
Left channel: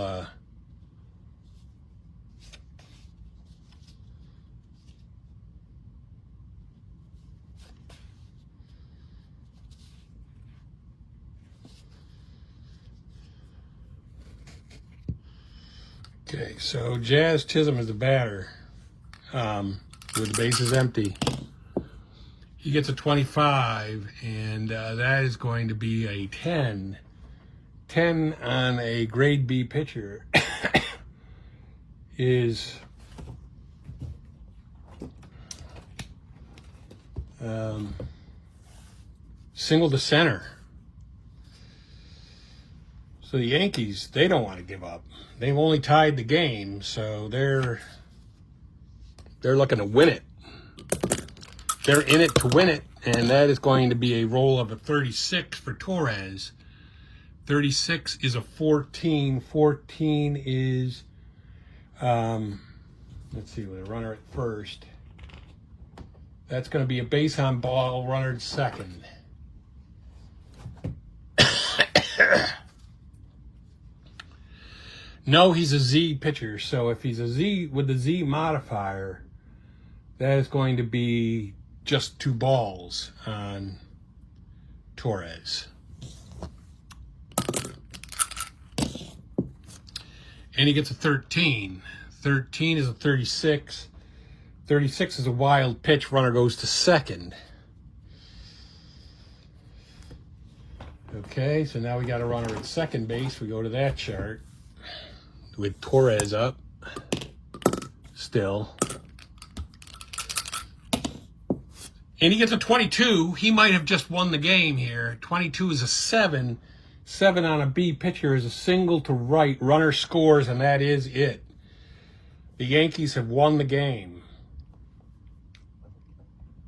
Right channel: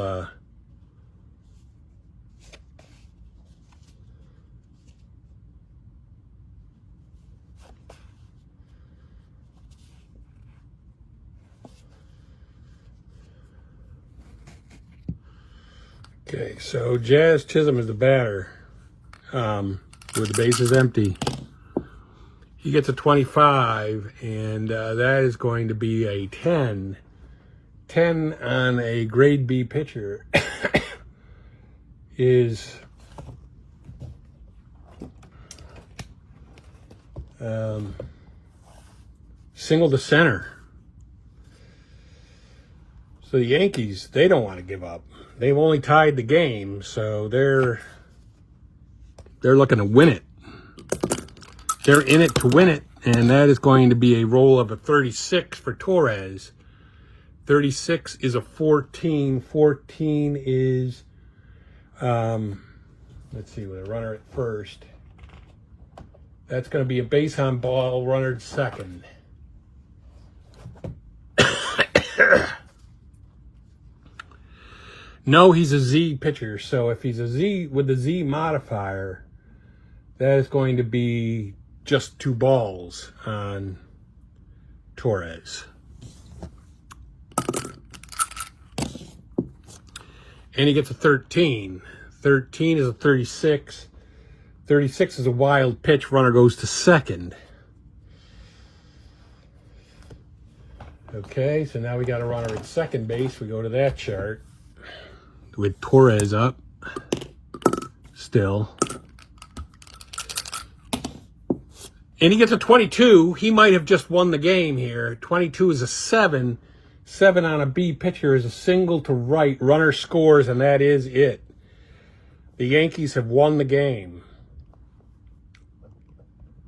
okay, so Jazz Chisholm is the batter with the bases empty. He gets a 25, and that is going to be a 10. 10 on a grade B pitcher is single to center. So the Yankees, they don't want to give up. They've only tied the game, so they're They're looking to win it. They're in it to win it, and that is going to be a roll of a 36 for Torres. 36 is a 14. 14 is, let's see, with a runner at first. That's going to be a base on ball, runner at second. No, he's a Z pitcher, so if he's a Z with the Z modifier, that is going to be just 2 balls on Torres. And he gets a 13. 13 is a 36. 36 is a wild pitch. Runner goes to second. Okay, so now we got a runner at second base. We go to that chart with Torres up still. And he gets a 22. He might have just won the game here. 22 is a 7. 7 on a B pitcher is a single to right. Runner scores, and that is it. The Yankees have won the game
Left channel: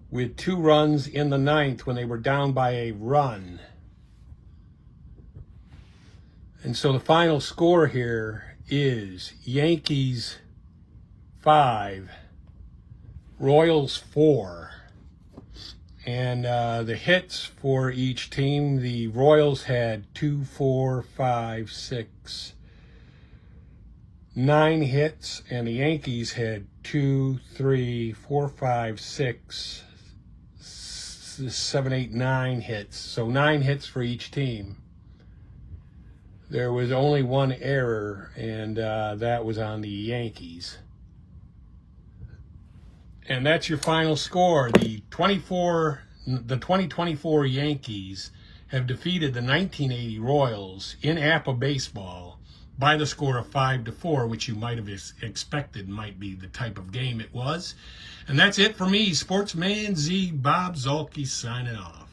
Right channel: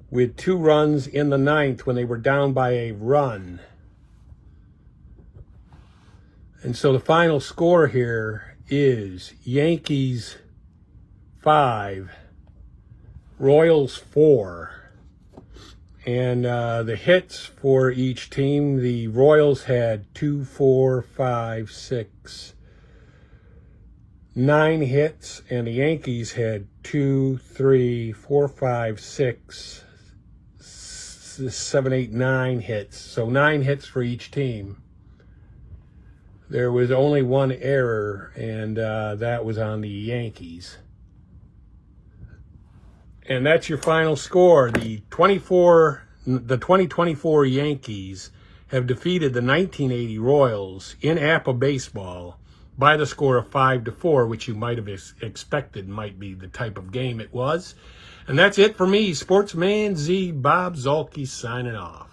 with 2 runs in the 9th when they were down by a run. And so the final score here is Yankees 5, Royals 4. And the hits for each team, the Royals had 2, 4, 5, 6, 9 hits, and the Yankees had 2, 3, 4, 5, 6, 7, 8, 9 hits. So 9 hits for each team. There was only 1 error, and that was on the Yankees. And that's your final score. The 2024 Yankees have defeated the 1980 Royals in APBA baseball by the score of 5-4, which you might have expected might be the type of game it was. And that's it for me, Sportsman Z, Bob Zolke, signing off.